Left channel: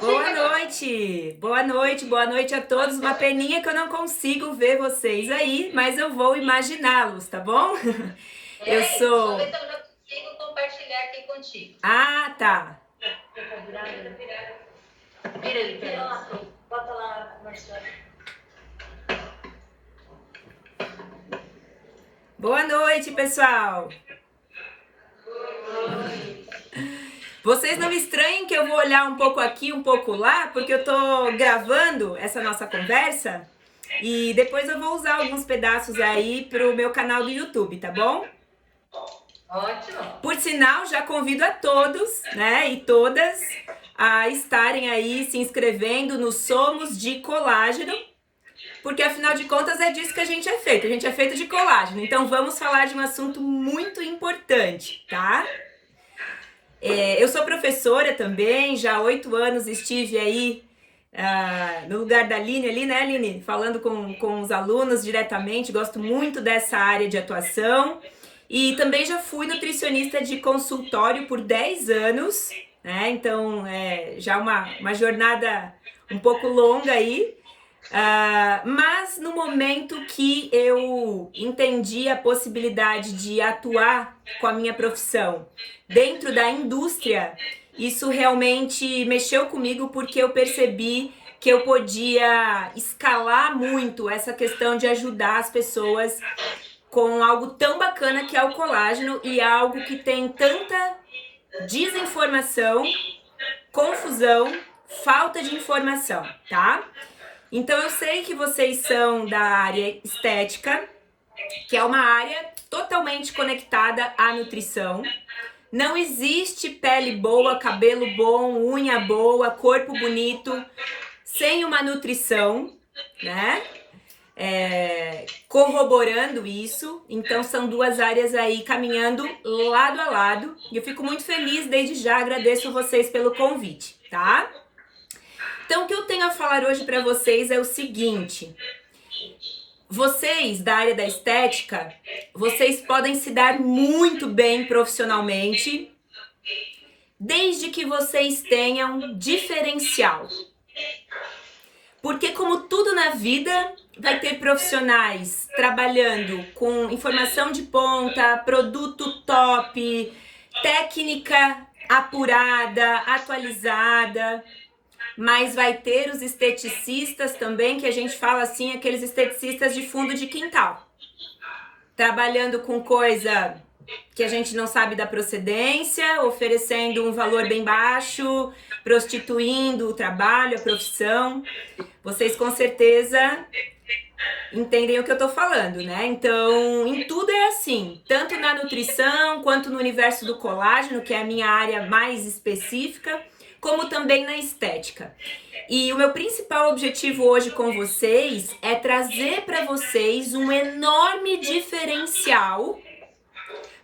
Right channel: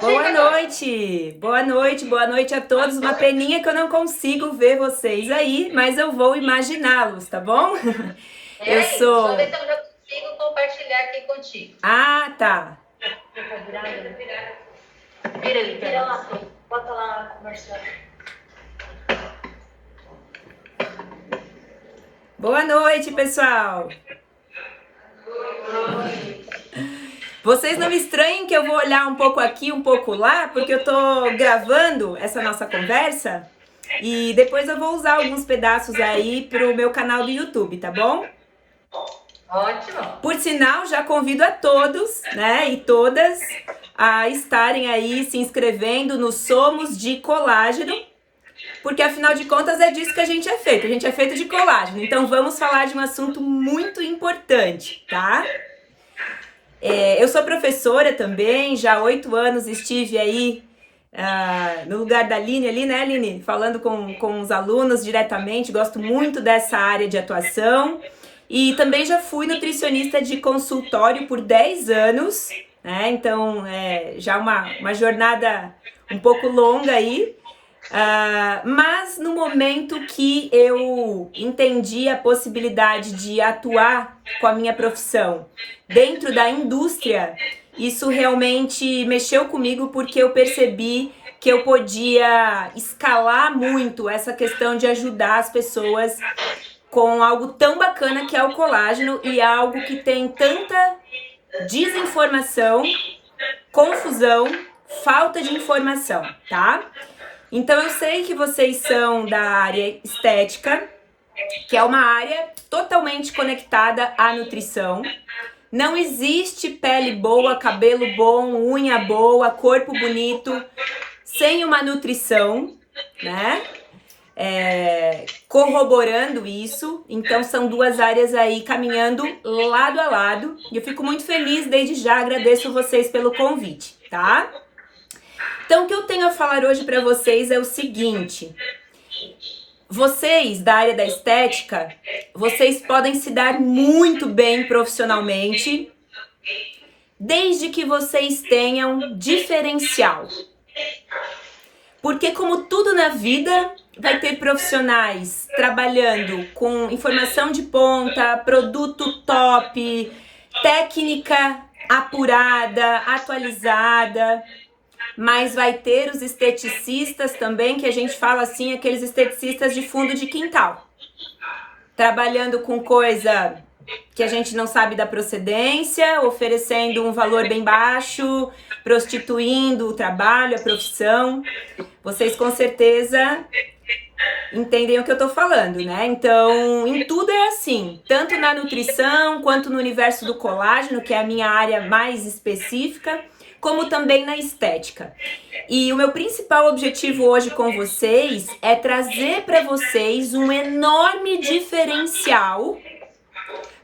Boa noite a todos. Uma peninha que eu não consigo ver vocês aí, mas eu vou imaginá-los, tá bom? Eu sou. Só ver se eu já consigo compartilhar aqui contigo. Ah, tá. Vira ele pra lá. Bota lá conversando. Boa noite, pessoal. Vocês não me estranhem que eu vou olhar um pouco aqui, um pouco lá, porque eu tô gravando essa nossa conversa e depois eu vou usar alguns pedaços aí pro meu canal do YouTube, tá bom? Ótimo. Por sinal, já convido a todos, né, e todas a estarem aí se inscrevendo no Somos de Colágeno, porque afinal de contas é disso que a gente é feito de colágeno. Então vamos falar de um assunto muito importante, tá? Eu sou professora também, já há 8 anos estive aí no lugar da Aline ali, né, Aline? Falando com os alunos diretamente, gosto muito dessa área de atuação. E também já fui nutricionista de consultório por 10 anos, né? Então, já uma jornada um pouco longa aí. Mas no momento que eu entendi a possibilidade de atuar com a minha profissão dentro da indústria, isso realmente mexeu comigo porque eu percebi que eu podia escalar muito essa questão de ajudar as pessoas com algo tão bacana que é o colágeno e algo que tem tanta desinformação, confusão, falta de informação, tá? Então eu sei que vocês são da área estética, que é uma área totalmente conectada à nutrição. Não existe pele boa, cabelo bom, unha boa, corpo bonito, sem uma nutrição, né? Corroborando isso. Então são duas áreas aí caminhando lado a lado. E eu fico muito feliz, desde já agradeço vocês pelo convite, tá? Então, o que eu tenho a falar hoje para vocês é o seguinte: vocês da área da estética, vocês podem se dar muito bem profissionalmente, desde que vocês tenham diferencial. Porque como tudo na vida, vai ter profissionais trabalhando com informação de ponta, produto top, técnica apurada, atualizada. Mas vai ter os esteticistas também, que a gente fala assim, aqueles esteticistas de fundo de quintal. Trabalhando com coisa que a gente não sabe da procedência, oferecendo um valor bem baixo, prostituindo o trabalho, a profissão. Vocês com certeza entendem o que eu tô falando, né? Então, em tudo é assim, tanto na nutrição, quanto no universo do colágeno, que é a minha área mais específica, como também na estética. E o meu principal objetivo hoje com vocês é trazer para vocês um enorme diferencial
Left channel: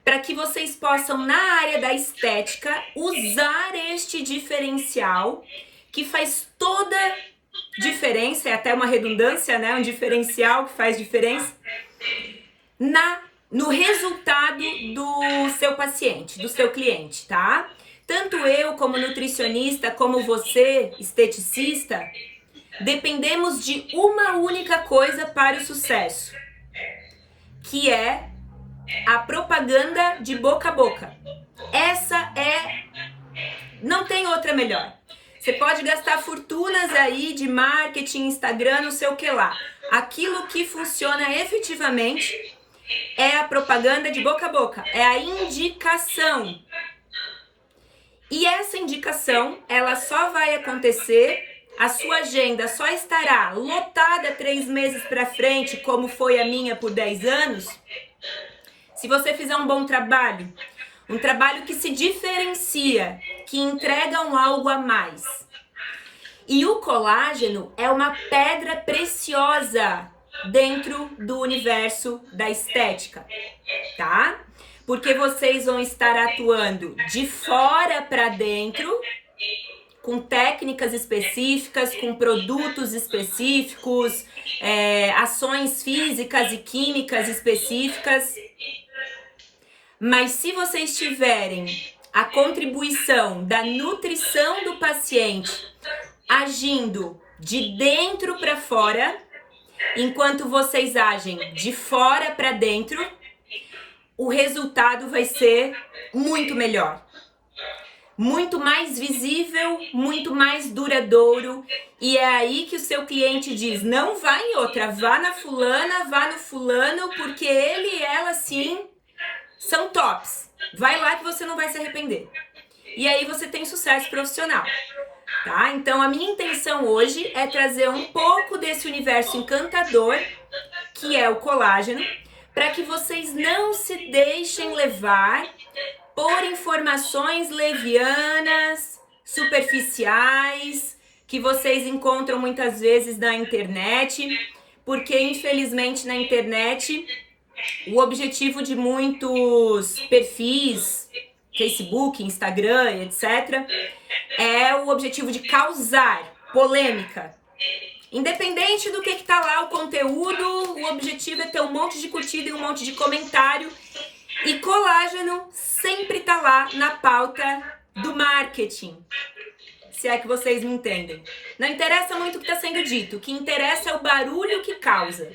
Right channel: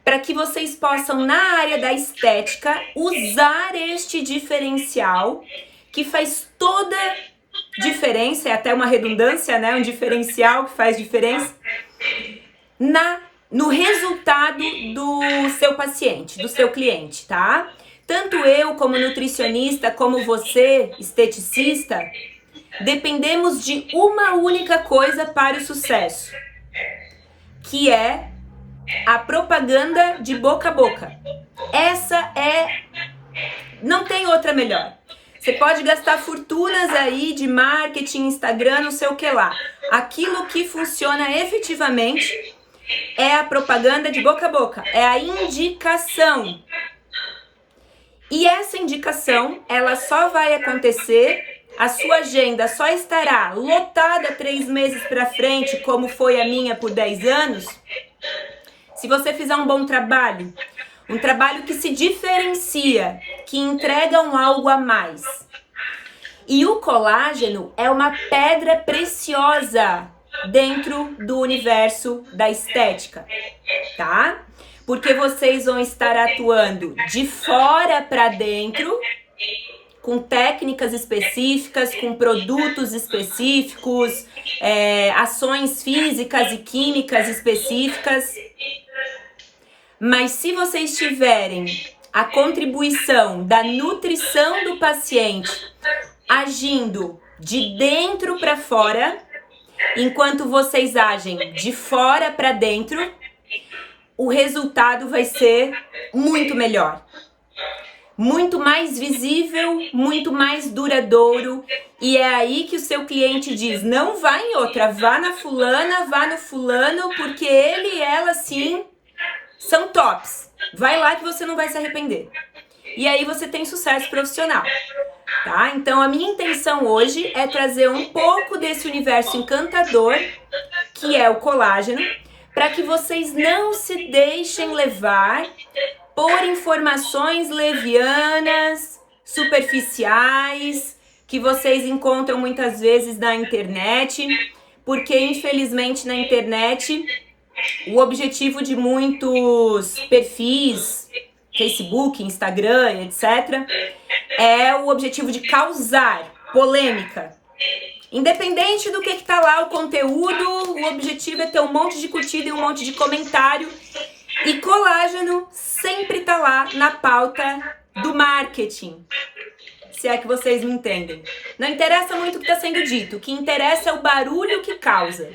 para que vocês possam, na área da estética, usar este diferencial que faz toda diferença, é até uma redundância, né? Um diferencial que faz diferença no resultado do seu paciente, do seu cliente, tá? Tanto eu como nutricionista, como você, esteticista, dependemos de uma única coisa para o sucesso, que é a propaganda de boca a boca. Não tem outra melhor. Você pode gastar fortunas aí de marketing, Instagram, não sei o que lá. Aquilo que funciona efetivamente é a propaganda de boca a boca, é a indicação. E essa indicação, ela só vai acontecer, a sua agenda só estará lotada 3 meses para frente, como foi a minha por 10 anos, se você fizer um bom trabalho, um trabalho que se diferencia, que entrega um algo a mais. E o colágeno é uma pedra preciosa dentro do universo da estética, tá? Porque vocês vão estar atuando de fora para dentro, com técnicas específicas, com produtos específicos, ações físicas e químicas específicas. Mas se vocês tiverem a contribuição da nutrição do paciente agindo de dentro para fora, enquanto vocês agem de fora para dentro, o resultado vai ser muito melhor. Muito mais visível, muito mais duradouro. E é aí que o seu cliente diz, não vá em outra, vá na fulana, vá no fulano, porque ele e ela, sim, são tops. Vai lá que você não vai se arrepender. E aí você tem sucesso profissional, tá? Então a minha intenção hoje é trazer um pouco desse universo encantador, que é o colágeno, para que vocês não se deixem levar por informações levianas, superficiais, que vocês encontram muitas vezes na internet, porque infelizmente na internet o objetivo de muitos perfis, Facebook, Instagram, etc., é o objetivo de causar polêmica. Independente do que tá lá o conteúdo, o objetivo é ter um monte de curtida e um monte de comentário. E colágeno sempre tá lá na pauta do marketing. Se é que vocês me entendem. Não interessa muito o que está sendo dito. O que interessa é o barulho que causa.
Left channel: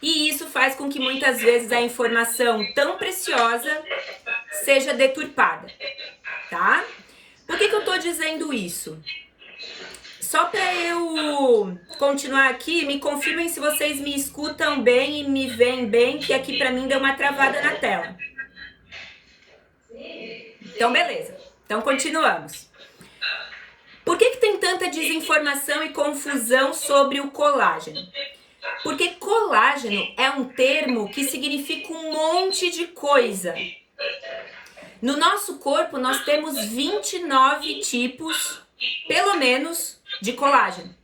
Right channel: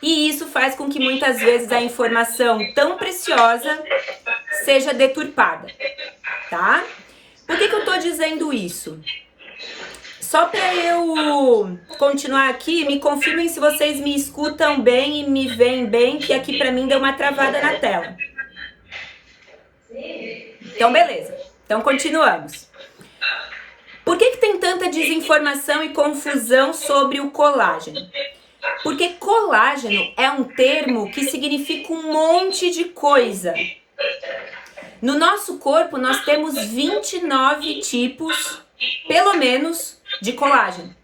E isso faz com que muitas vezes a informação tão preciosa seja deturpada, tá? Por que eu tô dizendo isso? Só para eu continuar aqui, me confirmem se vocês me escutam bem e me veem bem, que aqui para mim deu uma travada na tela. Então, beleza. Então, continuamos. Por que tem tanta desinformação e confusão sobre o colágeno? Porque colágeno é um termo que significa um monte de coisa. No nosso corpo, nós temos 29 tipos, pelo menos, de colágeno.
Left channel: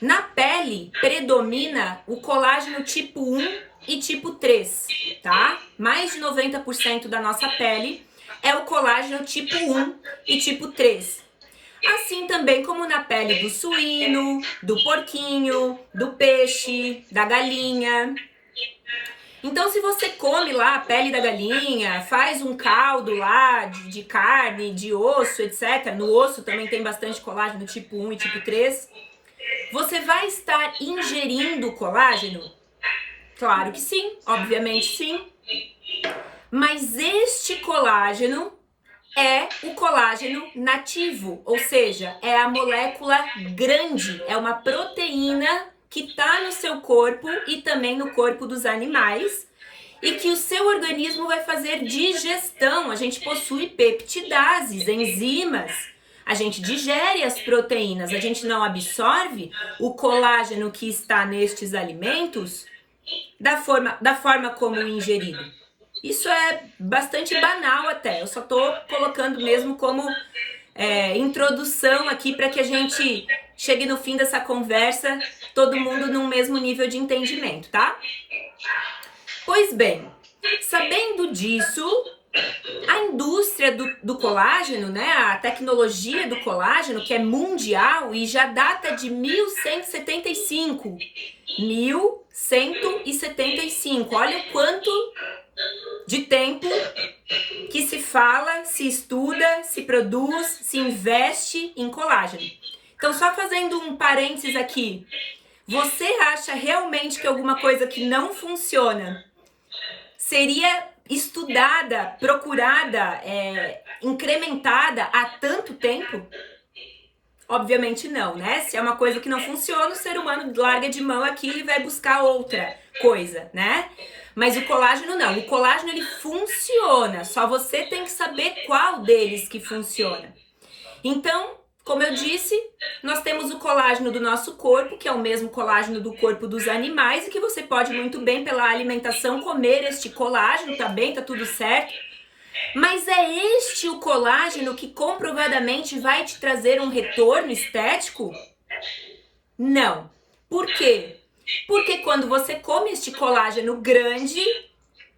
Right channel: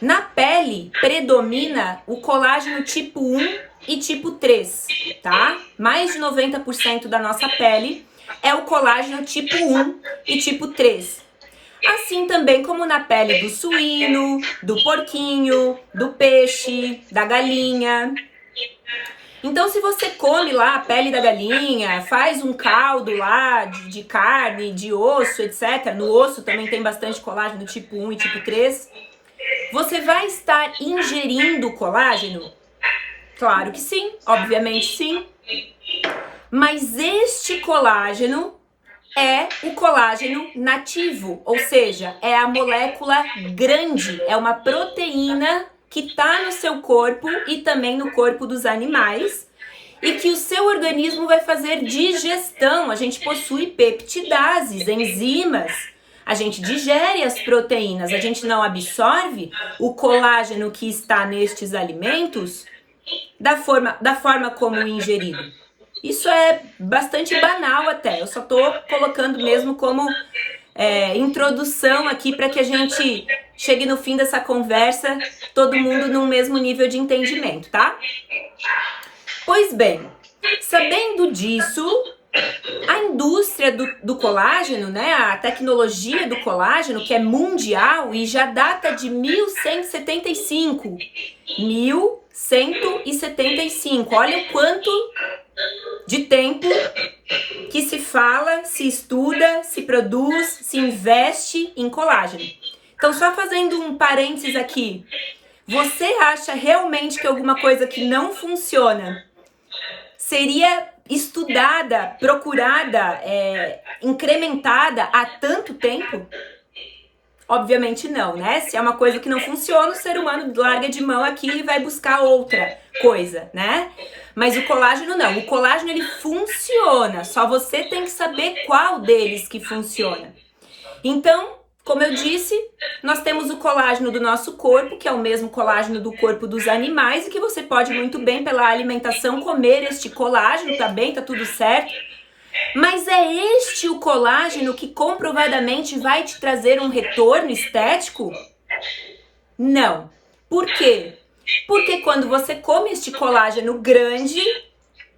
Na pele, predomina o colágeno tipo 1 e tipo 3, tá? Mais de 90% da nossa pele é o colágeno tipo 1 e tipo 3. Assim também como na pele do suíno, do porquinho, do peixe, da galinha. Então, se você come lá a pele da galinha, faz um caldo lá de carne, de osso, etc. No osso também tem bastante colágeno tipo 1 e tipo 3. Você vai estar ingerindo colágeno? Claro que sim, obviamente sim. Mas este colágeno é o colágeno nativo, ou seja, é a molécula grande, é uma proteína que está no seu corpo e também no corpo dos animais e que o seu organismo vai fazer digestão. A gente possui peptidases, enzimas, a gente digere as proteínas, a gente não absorve o colágeno que está nestes alimentos da forma como ingerido. Isso é bastante banal até, eu só tô colocando mesmo como introdução aqui para que a gente chegue no fim dessa conversa, todo mundo num mesmo nível de entendimento, tá? Pois bem, sabendo disso, a indústria do colágeno, né, a tecnologia do colágeno, que é mundial e já data de 1175. 1175, olha o quanto de tempo que se fala, se estuda, se produz, se investe em colágeno. Então, só fazendo um parênteses aqui, você acha realmente que alguma coisa que não funciona seria estudada, procurada, incrementada há tanto tempo? Obviamente não, né? Se é uma coisa que não funciona, o ser humano larga de mão aqui e vai buscar outra coisa, né? Mas o colágeno não. O colágeno, ele funciona. Só você tem que saber qual deles que funciona. Então, como eu disse, nós temos o colágeno do nosso corpo, que é o mesmo colágeno do corpo dos animais, e que você pode muito bem, pela alimentação, comer este colágeno, tá bem, tá tudo certo. Mas é este o colágeno que comprovadamente vai te trazer um retorno estético? Não. Por quê? Porque quando você come este colágeno grande,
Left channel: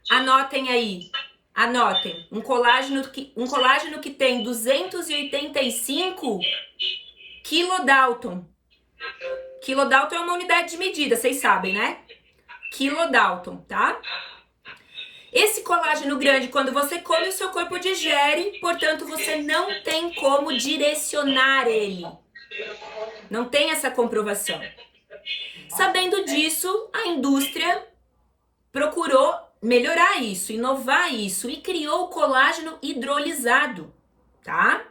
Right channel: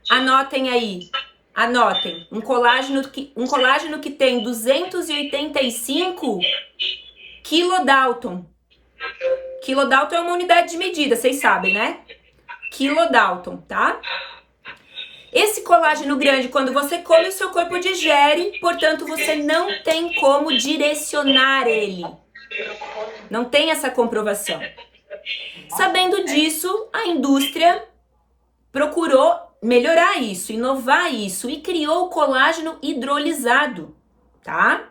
anotem aí, anotem, um colágeno que tem 285 kilodalton. Kilodalton é uma unidade de medida, vocês sabem, né? Kilodalton, tá? Esse colágeno grande, quando você come, o seu corpo digere, portanto, você não tem como direcionar ele. Não tem essa comprovação. Sabendo disso, a indústria procurou melhorar isso, inovar isso e criou o colágeno hidrolisado, tá?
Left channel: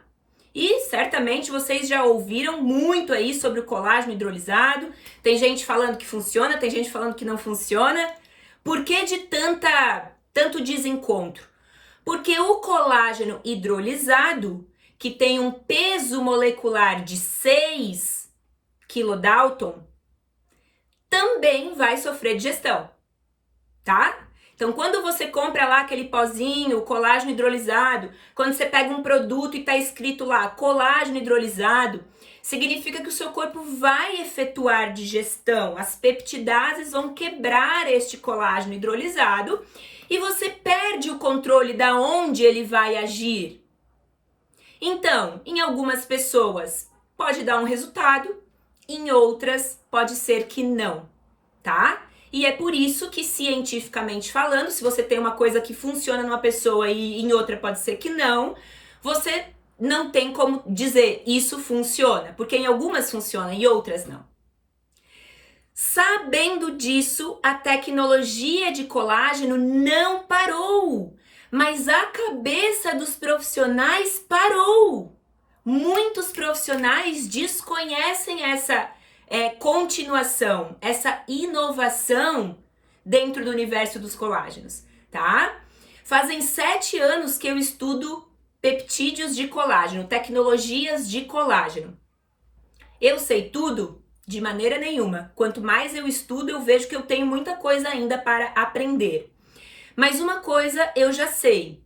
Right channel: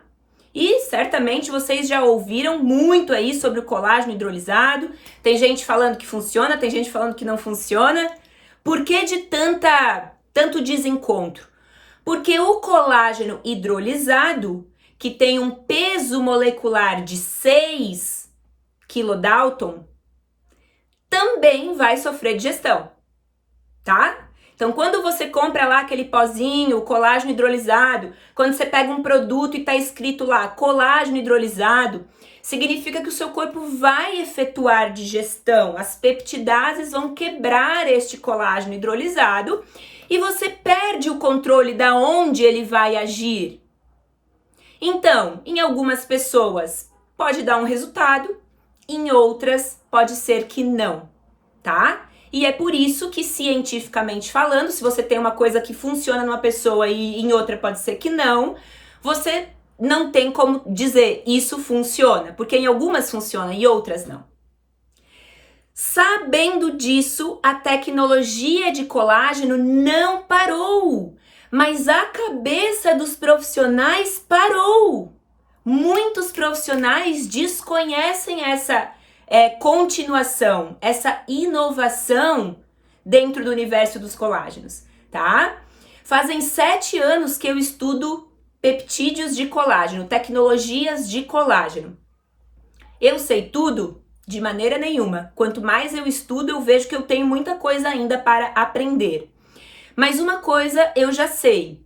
E certamente vocês já ouviram muito aí sobre o colágeno hidrolisado. Tem gente falando que funciona, tem gente falando que não funciona. Por que de tanto desencontro? Porque o colágeno hidrolisado, que tem um peso molecular de 6 kilodalton, também vai sofrer digestão, tá? Então, quando você compra lá aquele pozinho, o colágeno hidrolisado, quando você pega um produto e tá escrito lá colágeno hidrolisado, significa que o seu corpo vai efetuar digestão. As peptidases vão quebrar este colágeno hidrolisado e você perde o controle da onde ele vai agir. Então, em algumas pessoas pode dar um resultado, em outras pode ser que não, tá? E é por isso que, cientificamente falando, se você tem uma coisa que funciona numa pessoa e em outra pode ser que não, você não tem como dizer isso funciona, porque em algumas funciona e outras não. Sabendo disso, a tecnologia de colágeno não parou, mas a cabeça dos profissionais parou. Muitos profissionais desconhecem essa continuação, essa inovação dentro do universo dos colágenos, tá? Fazem 7 anos que eu estudo peptídeos de colágeno, tecnologias de colágeno. Eu sei tudo? De maneira nenhuma. Quanto mais eu estudo, eu vejo que eu tenho muita coisa ainda para aprender. Mas uma coisa eu já sei.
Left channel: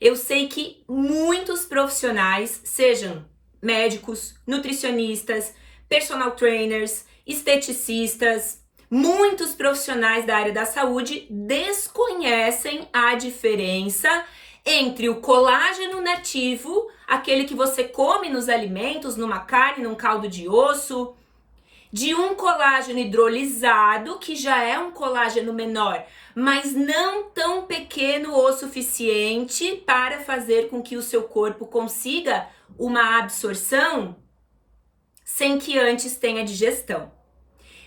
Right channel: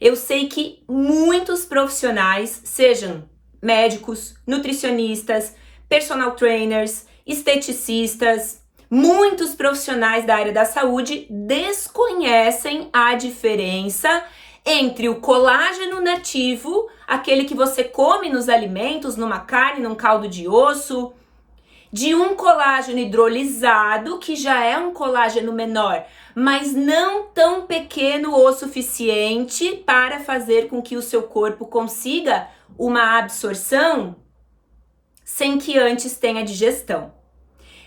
Eu sei que muitos profissionais, sejam médicos, nutricionistas, personal trainers, esteticistas, muitos profissionais da área da saúde desconhecem a diferença entre o colágeno nativo, aquele que você come nos alimentos, numa carne, num caldo de osso, de um colágeno hidrolisado, que já é um colágeno menor, mas não tão pequeno o suficiente para fazer com que o seu corpo consiga uma absorção sem que antes tenha digestão.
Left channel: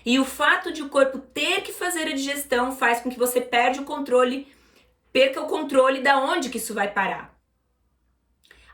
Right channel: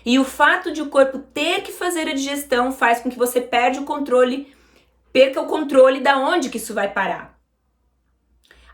E o fato de o corpo ter que fazer a digestão faz com que você perca o controle da onde que isso vai parar.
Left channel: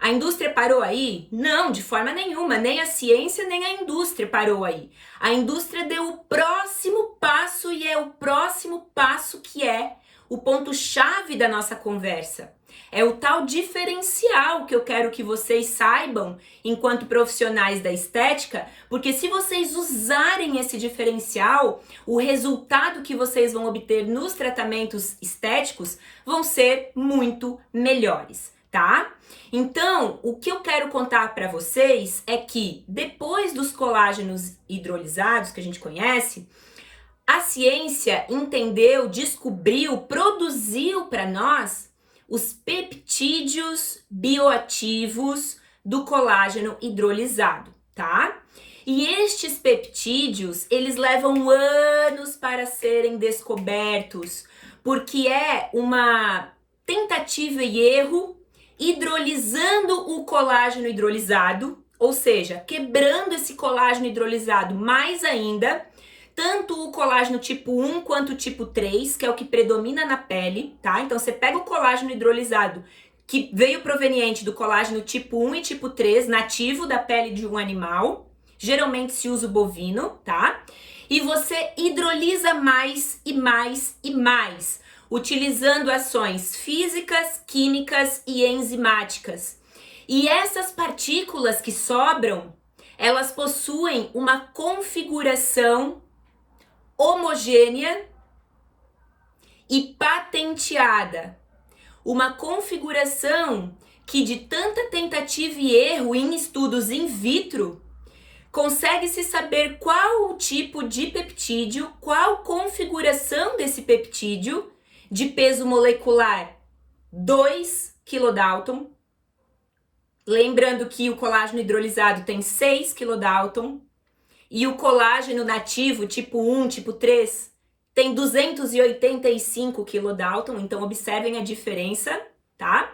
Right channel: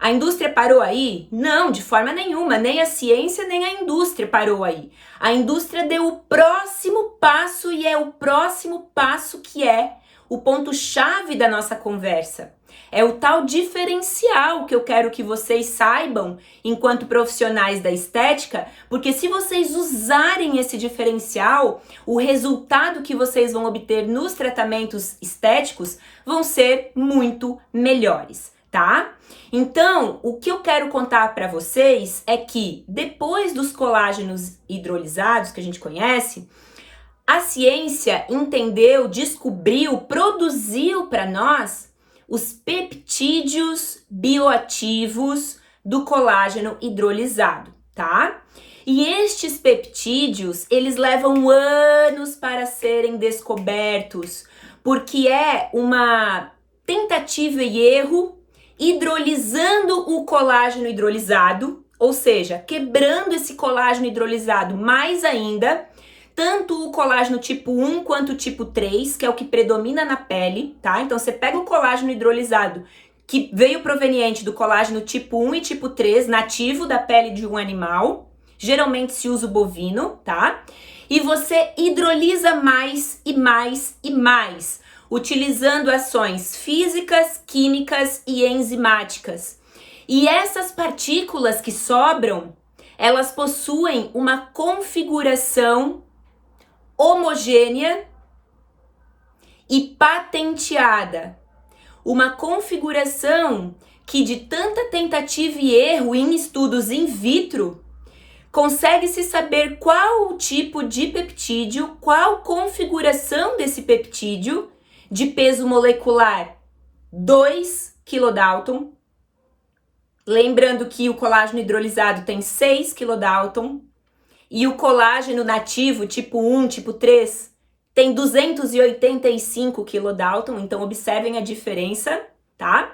A indústria parou aí? Não, de forma nenhuma, nem a ciência nem a indústria parou aí. A indústria deu o próximo passo e é o próximo passo que é o ponto-chave da nossa conversa. É o tal diferencial que eu quero que vocês saibam enquanto profissionais da estética, porque se vocês usarem esse diferencial, o resultado que vocês vão obter nos tratamentos estéticos vão ser muito melhores, tá? Então, o que eu quero contar para vocês é que depois dos colágenos hidrolisados que a gente conhece, a ciência entendeu, descobriu, produziu para nós os peptídeos bioativos do colágeno hidrolisado, tá? E estes peptídeos, eles levam anos para serem descobertos, porque é uma tentativa e erro hidrolisando o colágeno hidrolisado, ou seja, quebrando esse colágeno hidrolisado mais ainda, tanto o colágeno tipo 1 quanto o tipo 3, que é o que predomina na pele, tá? Então você pega o colágeno hidrolisado, que veio proveniente do colágeno tipo 1 e tipo 3, nativo da pele de um animal, geralmente se usa o bovino, tá? E você hidrolisa mais e mais e mais, utilizando ações físicas, químicas e enzimáticas. E essas partículas que sobram, elas possuem uma configuração homogênea e patenteada. Uma configuração que, de tanta tentativa e erro em estudos in vitro, consegue-se saber qual o tipo de peptídeo, qual configuração desse peptídeo, de peso molecular 2 kilodalton. Lembrando que o colágeno hidrolisado tem 6 kilodalton e o colágeno nativo tipo 1, tipo 3, tem 285 kilodalton, então observem a diferença, tá?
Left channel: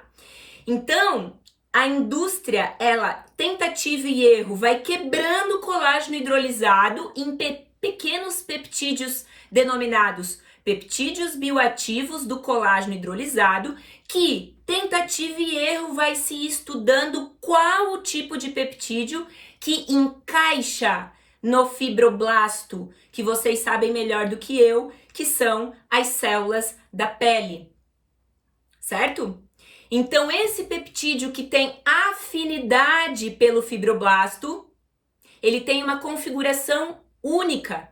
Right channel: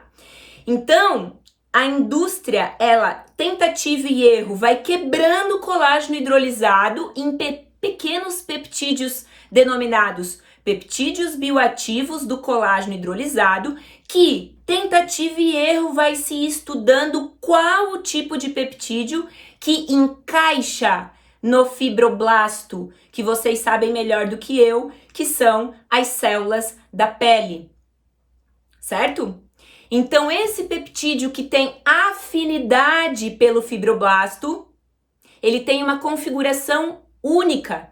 Então, a indústria, ela, tentativa e erro, vai quebrando o colágeno hidrolisado em pequenos peptídeos denominados peptídeos bioativos do colágeno hidrolisado, que tentativa e erro vai se estudando qual o tipo de peptídeo que encaixa no fibroblasto, que vocês sabem melhor do que eu, que são as células da pele, certo? Então, esse peptídeo que tem afinidade pelo fibroblasto, ele tem uma configuração única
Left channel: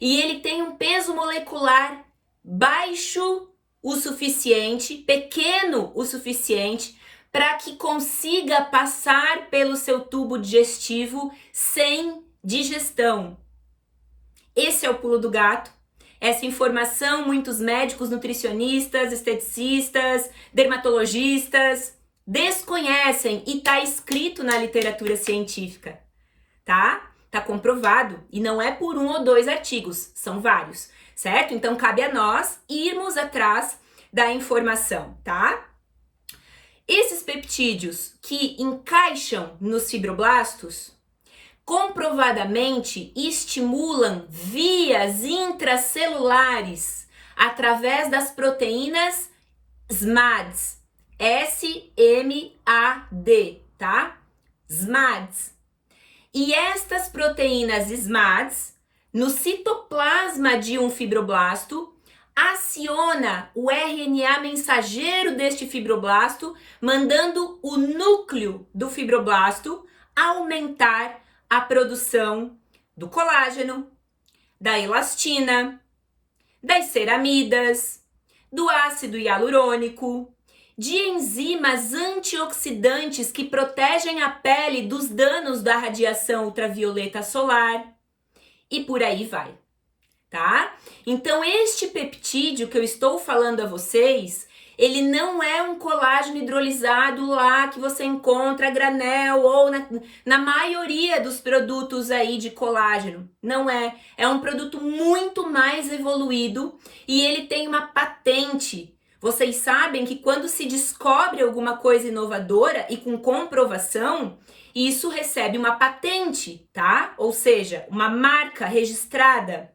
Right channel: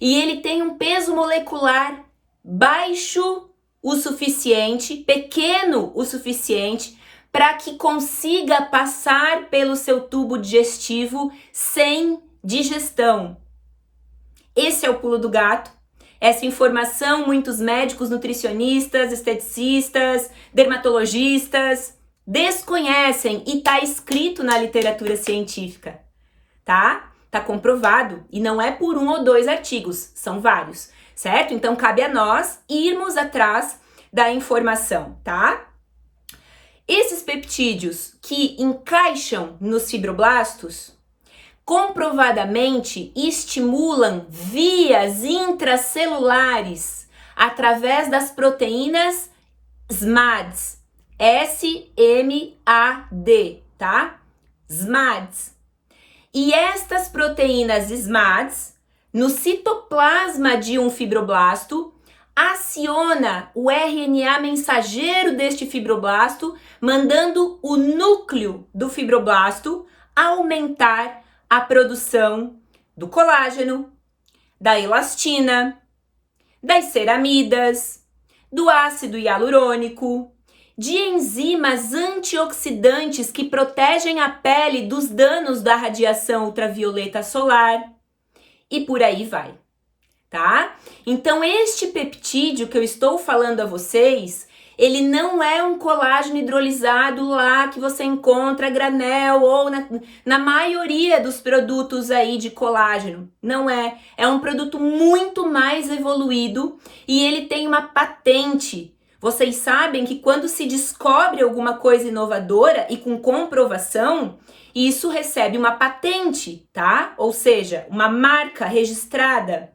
e ele tem um peso molecular baixo o suficiente, pequeno o suficiente, para que consiga passar pelo seu tubo digestivo sem digestão. Esse é o pulo do gato. Essa informação muitos médicos, nutricionistas, esteticistas, dermatologistas desconhecem e está escrito na literatura científica, tá? Tá comprovado e não é por 1 ou 2 artigos, são vários, certo? Então cabe a nós irmos atrás da informação, tá? Esses peptídeos que encaixam nos fibroblastos comprovadamente estimulam vias intracelulares através das proteínas SMADs, S-M-A-D, tá? SMADs. E estas proteínas SMADs, no citoplasma de um fibroblasto, aciona o RNA mensageiro deste fibroblasto, mandando o núcleo do fibroblasto aumentar a produção do colágeno, da elastina, das ceramidas, do ácido hialurônico, de enzimas antioxidantes que protegem a pele dos danos da radiação ultravioleta solar e por aí vai, tá? Então, este peptídeo que eu estou falando a vocês, ele não é um colágeno hidrolisado lá que você encontra a granel ou na maioria dos produtos aí de colágeno. Não é. É um produto muito mais evoluído e ele tem uma patente. Vocês sabem que quando se descobre alguma coisa inovadora e com comprovação, isso recebe uma patente, tá? Ou seja, uma marca registrada,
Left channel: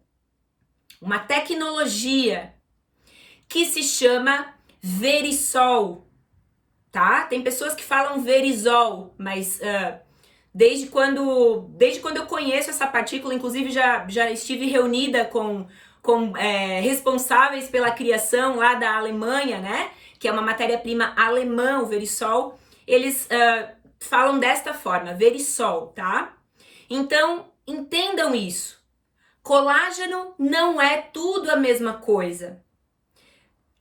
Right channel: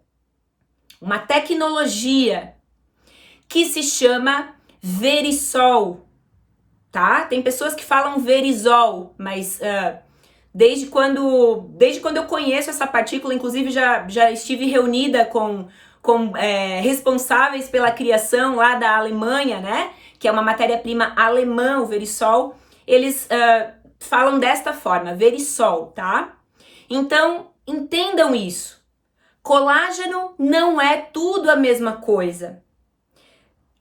uma tecnologia que se chama Verisol, tá? Tem pessoas que falam Verisol, mas desde quando eu conheço essa partícula, inclusive já estive reunida com responsáveis pela criação lá da Alemanha, né? Que é uma matéria-prima alemã, o Verisol. Eles falam desta forma, Verisol, tá? Então, entendam isso. Colágeno não é tudo a mesma coisa.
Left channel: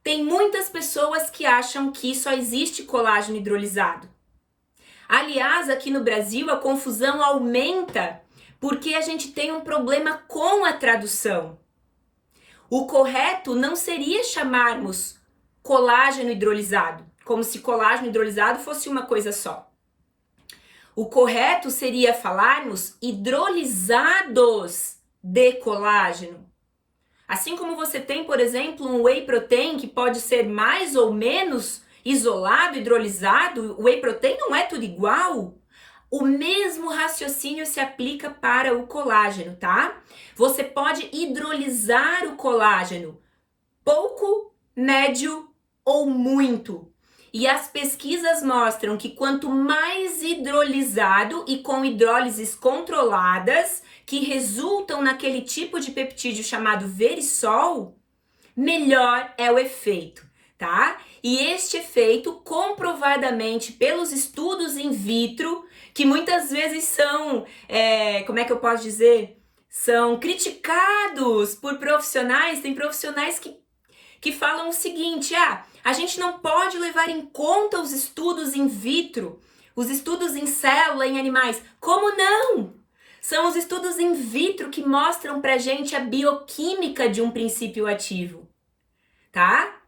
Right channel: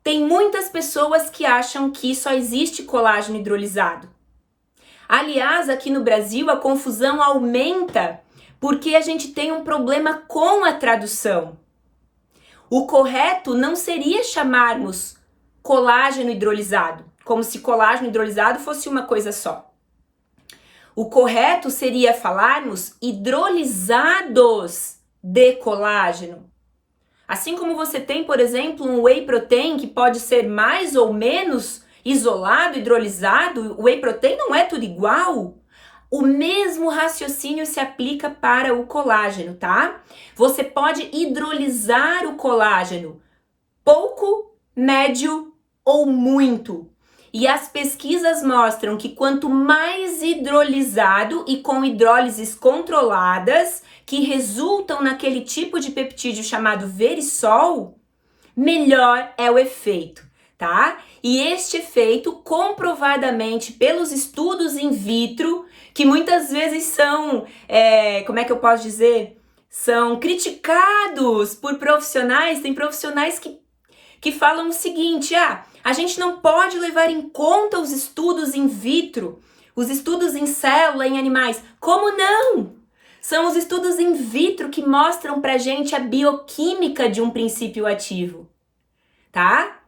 Tem muitas pessoas que acham que só existe colágeno hidrolisado. Aliás, aqui no Brasil a confusão aumenta porque a gente tem um problema com a tradução. O correto não seria chamarmos colágeno hidrolisado, como se colágeno hidrolisado fosse uma coisa só. O correto seria falarmos hidrolisados de colágeno. Assim como você tem, por exemplo, um whey protein que pode ser mais ou menos isolado, hidrolisado, o whey protein não é tudo igual. O mesmo raciocínio se aplica para o colágeno, tá? Você pode hidrolisar o colágeno pouco, médio ou muito. E as pesquisas mostram que quanto mais hidrolisado e com hidrólises controladas, que resultam naquele tipo de peptídeo chamado Verisol, melhor é o efeito, tá? E este efeito, comprovadamente pelos estudos in vitro, que muitas vezes são, como é que eu posso dizer? São criticados por profissionais, tem profissionais que falam o seguinte, a gente não pode levar em conta os estudos in vitro, os estudos em célula, em animais. Como não? São os estudos in vitro que mostram pra gente a bioquímica de um princípio ativo, tá?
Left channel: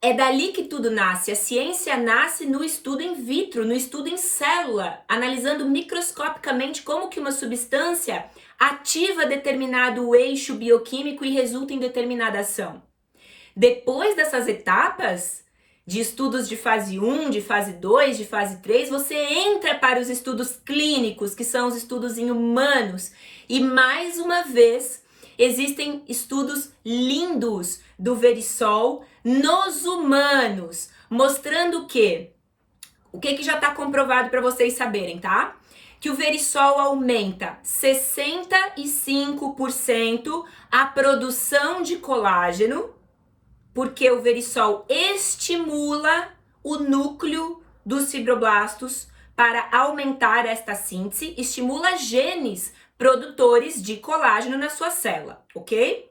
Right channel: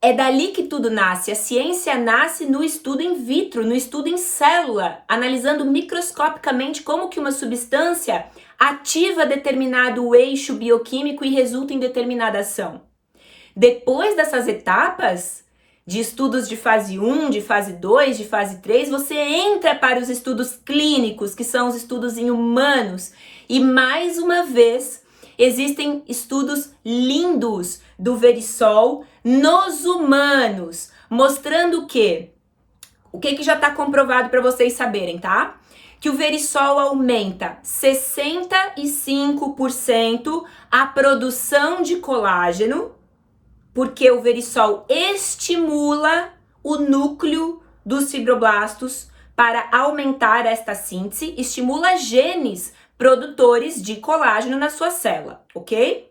É dali que tudo nasce. A ciência nasce no estudo in vitro, no estudo em célula, analisando microscopicamente como que uma substância ativa determinado eixo bioquímico e resulta em determinada ação. Depois dessas etapas, de estudos de fase 1, de fase 2, de fase 3, você entra para os estudos clínicos, que são os estudos em humanos. E mais uma vez, existem estudos lindos do Verisol nos humanos, mostrando o que já está comprovado para vocês saberem, tá? Que o Verisol aumenta 65% a produção de colágeno, porque o Verisol estimula o núcleo dos fibroblastos para aumentar esta síntese, estimula genes produtores de colágeno na sua célula, ok?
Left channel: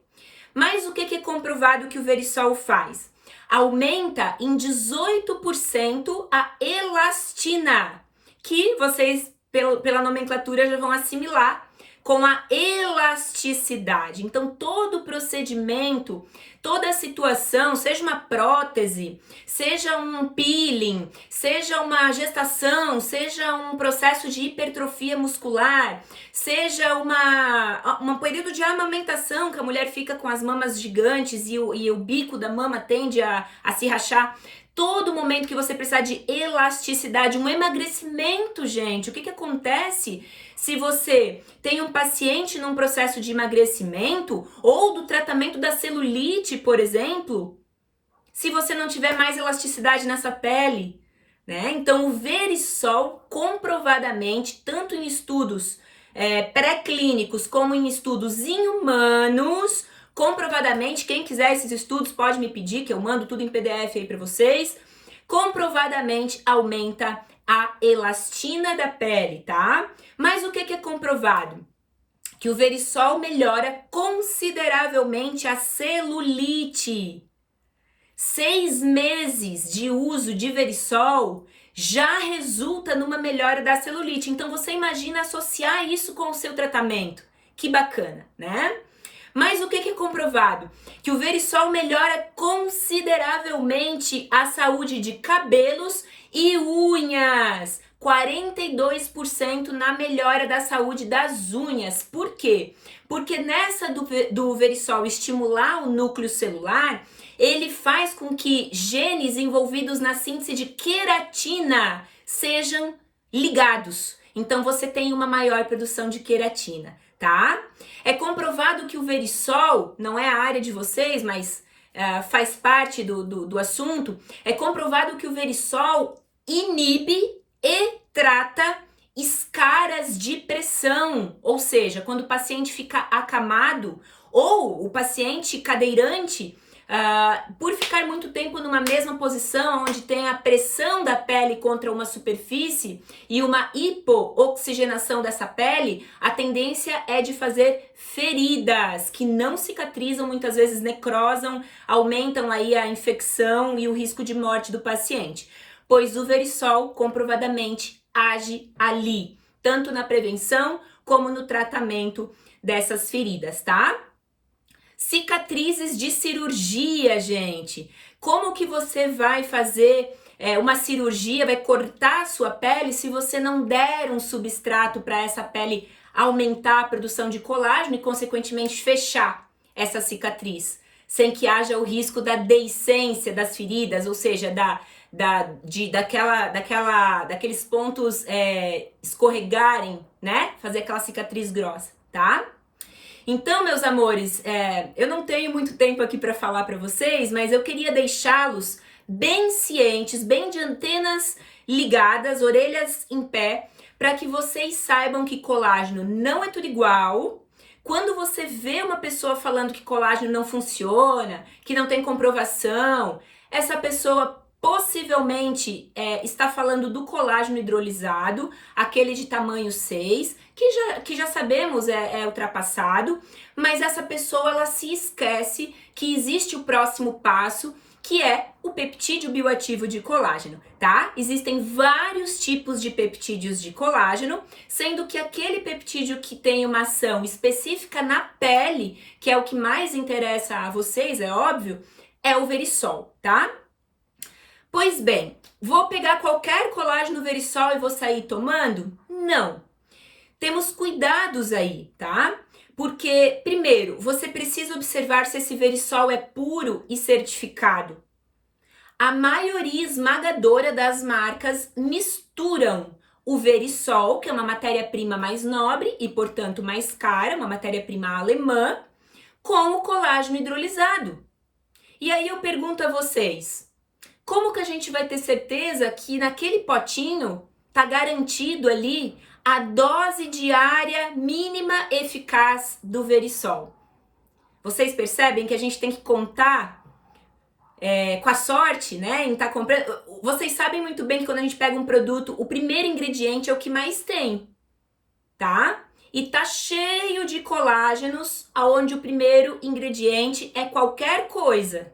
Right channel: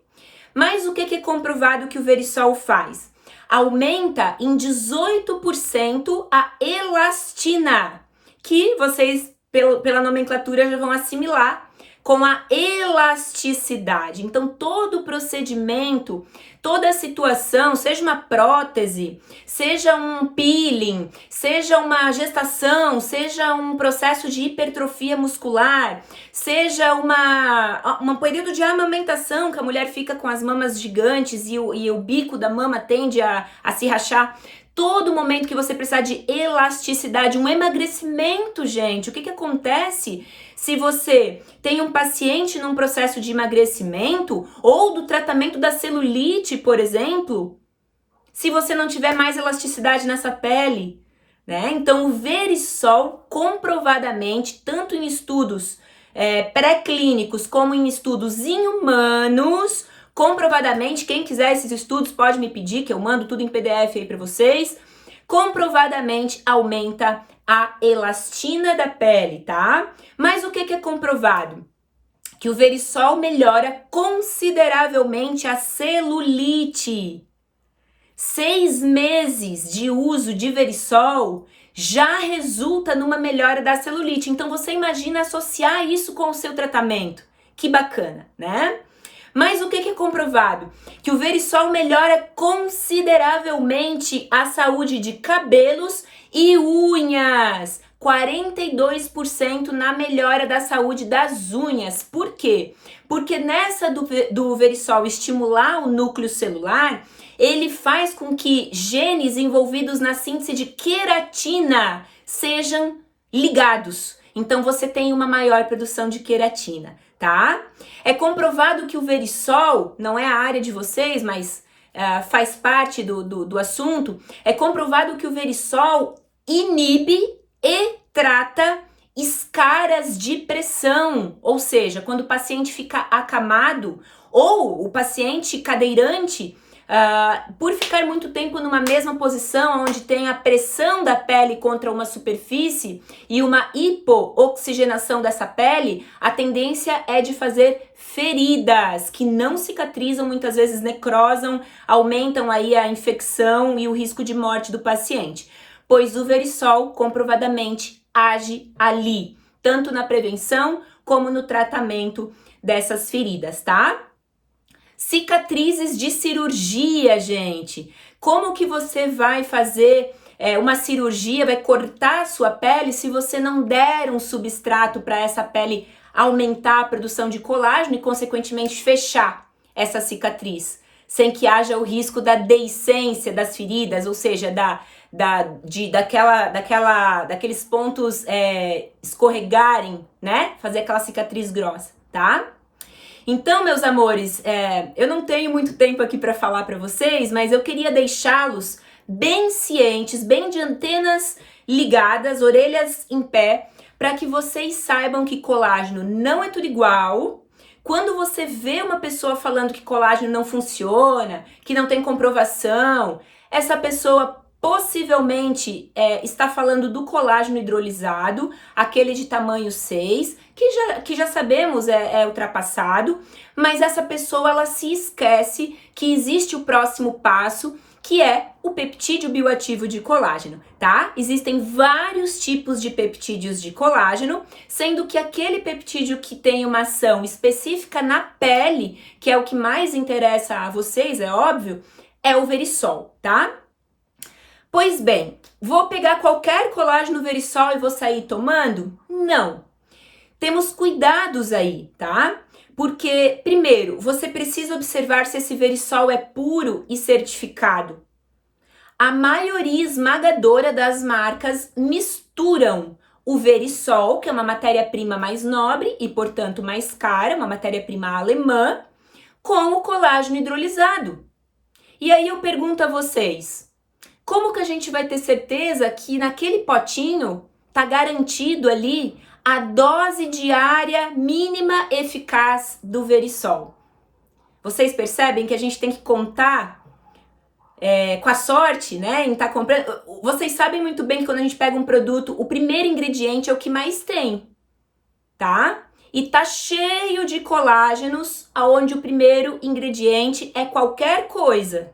Mas o que é comprovado que o Verisol faz? Aumenta em 18% a elastina, que vocês, pela nomenclatura, já vão assimilar com a elasticidade. Então, todo o procedimento, toda a situação, seja uma prótese, seja um peeling, seja uma gestação, seja um processo de hipertrofia muscular, seja um período de amamentação, que a mulher fica com as mamas gigantes e o bico da mama tende a se rachar. Todo momento que você precisar de elasticidade, um emagrecimento, gente, o que acontece se você tem um paciente num processo de emagrecimento ou do tratamento da celulite, por exemplo, se você não tiver mais elasticidade nessa pele, né? Então, o Verisol, comprovadamente, tanto em estudos pré-clínicos como em estudos em humanos, comprovadamente, quem quiser esses estudos pode me pedir, que eu mando tudo em PDF aí para vocês, comprovadamente aumenta a elastina da pele, tá? Mas o que é comprovado? Que o Verisol melhora consideravelmente a celulite. 6 meses de uso de Verisol já resulta numa melhora da celulite. Então você imagina associar isso com o seu tratamento. Que bacana, né? Mas o que é comprovado? Que o Verisol melhora consideravelmente a saúde de cabelos e unhas. 42% na melhora da saúde das unhas. Por quê? Porque nessa do Verisol estimular o núcleo celular, ele faz com que genes envolvidos na síntese de queratina sejam ligados. Então você tem uma maior produção de queratina, tá? É comprovado que o Verisol, não é a área de vocês, mas faz parte do assunto, é comprovado que o Verisol inibe e trata escaras de pressão, ou seja, quando o paciente fica acamado ou o paciente cadeirante, por ficar muito tempo numa mesma posição, onde tem a pressão da pele contra uma superfície e uma hipooxigenação dessa pele, a tendência é de fazer feridas que não cicatrizam, muitas vezes necrosam, aumentam aí a infecção e o risco de morte do paciente. Pois o Verisol comprovadamente age ali, tanto na prevenção como no tratamento dessas feridas, tá? Cicatrizes de cirurgia, gente. Como que você vai fazer uma cirurgia, vai cortar a sua pele se você não der um substrato para essa pele aumentar a produção de colágeno e, consequentemente, fechar essa cicatriz, sem que haja o risco da deiscência das feridas, ou seja, daqueles pontos escorregarem, né? Fazer aquela cicatriz grossa, tá? Então, meus amores, eu não tenho muito tempo aqui para falar para vocês, mas eu queria deixá-los bem cientes, bem de antenas ligadas, orelhas em pé, para que vocês saibam que colágeno não é tudo igual. Quando você vê uma pessoa falando que colágeno não funciona, que não tem comprovação, essa pessoa possivelmente está falando do colágeno hidrolisado, aquele de tamanho 6, que já sabemos é ultrapassado, mas essa pessoa ela se esquece que existe o próximo passo, que é o peptídeo bioativo de colágeno, tá? Existem vários tipos de peptídeos de colágeno, sendo que aquele peptídeo que tem uma ação específica na pele, que é o que mais interessa a vocês, é óbvio, é o Verisol, tá? Pois bem, vou pegar qualquer colágeno Verisol e vou sair tomando? Não. Temos cuidados aí, tá? Porque, primeiro, você precisa observar se esse Verisol é puro e certificado. a maioria esmagadora das marcas misturam o Verisol, que é uma matéria-prima mais nobre e, portanto, mais cara, uma matéria-prima alemã, com o colágeno hidrolisado. E aí eu pergunto a vocês, como que a gente vai ter certeza que naquele potinho tá garantido ali a dose diária mínima eficaz do Verisol? Vocês percebem que a gente tem que contar com a sorte, né, em estar comprando. Vocês sabem muito bem que quando a gente pega um produto, o primeiro ingrediente é o que mais tem, tá? E tá cheio de colágenos, aonde o primeiro ingrediente é qualquer coisa,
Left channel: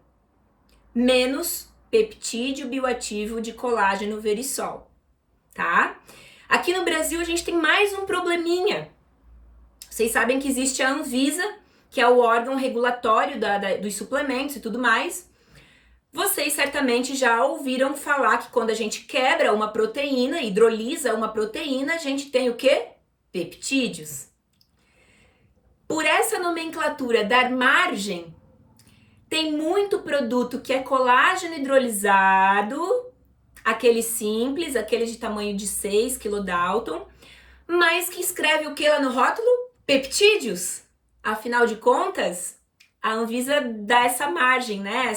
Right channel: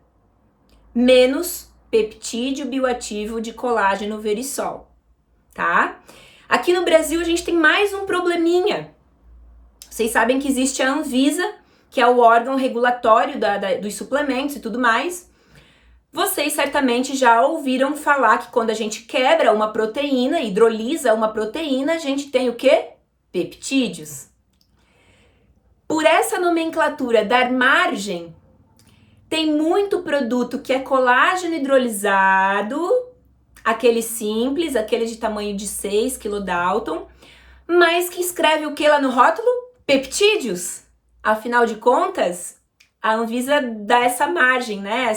menos peptídeo bioativo de colágeno Verisol, tá? Aqui no Brasil a gente tem mais um probleminha. Vocês sabem que existe a Anvisa, que é o órgão regulatório dos suplementos e tudo mais. Vocês certamente já ouviram falar que quando a gente quebra uma proteína, hidrolisa uma proteína, a gente tem o quê? Peptídeos. Por essa nomenclatura dar margem, tem muito produto que é colágeno hidrolisado, aquele simples, aquele de tamanho de 6 kDalton, mas que escreve o que lá no rótulo? Peptídeos. Afinal de contas, a Anvisa dá essa margem, né?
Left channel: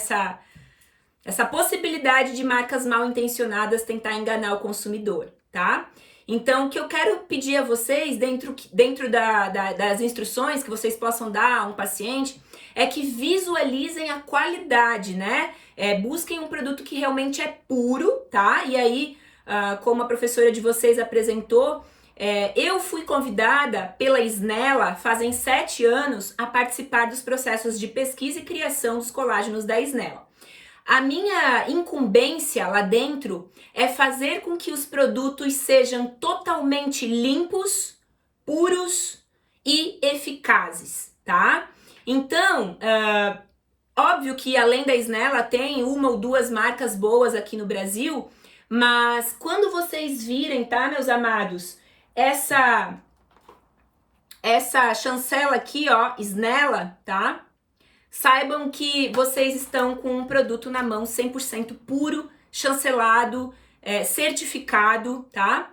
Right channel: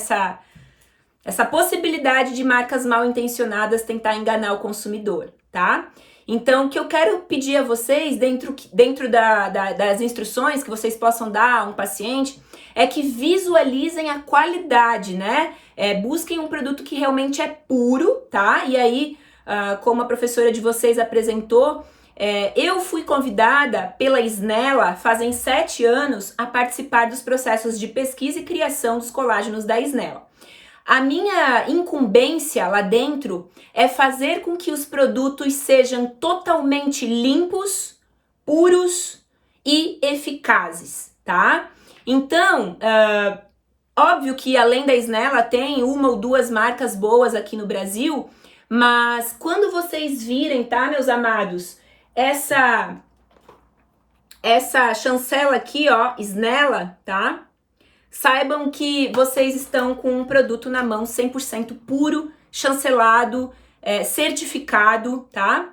Essa possibilidade de marcas mal intencionadas tentar enganar o consumidor, tá? Então, o que eu quero pedir a vocês, dentro das instruções que vocês possam dar a um paciente, é que visualizem a qualidade, né? Busquem um produto que realmente é puro, tá? E aí, como a professora de vocês apresentou, eu fui convidada pela Snella, fazem 7 anos, a participar dos processos de pesquisa e criação dos colágenos da Snella. A minha incumbência lá dentro é fazer com que os produtos sejam totalmente limpos, puros e eficazes, tá? Então, óbvio que além da Snella tem 1 ou 2 marcas boas aqui no Brasil, mas quando vocês virem, tá, meus amados, essa chancela aqui, ó, Snella, tá? Saibam que vocês estão com um produto na mão 100% puro, chancelado, certificado, tá?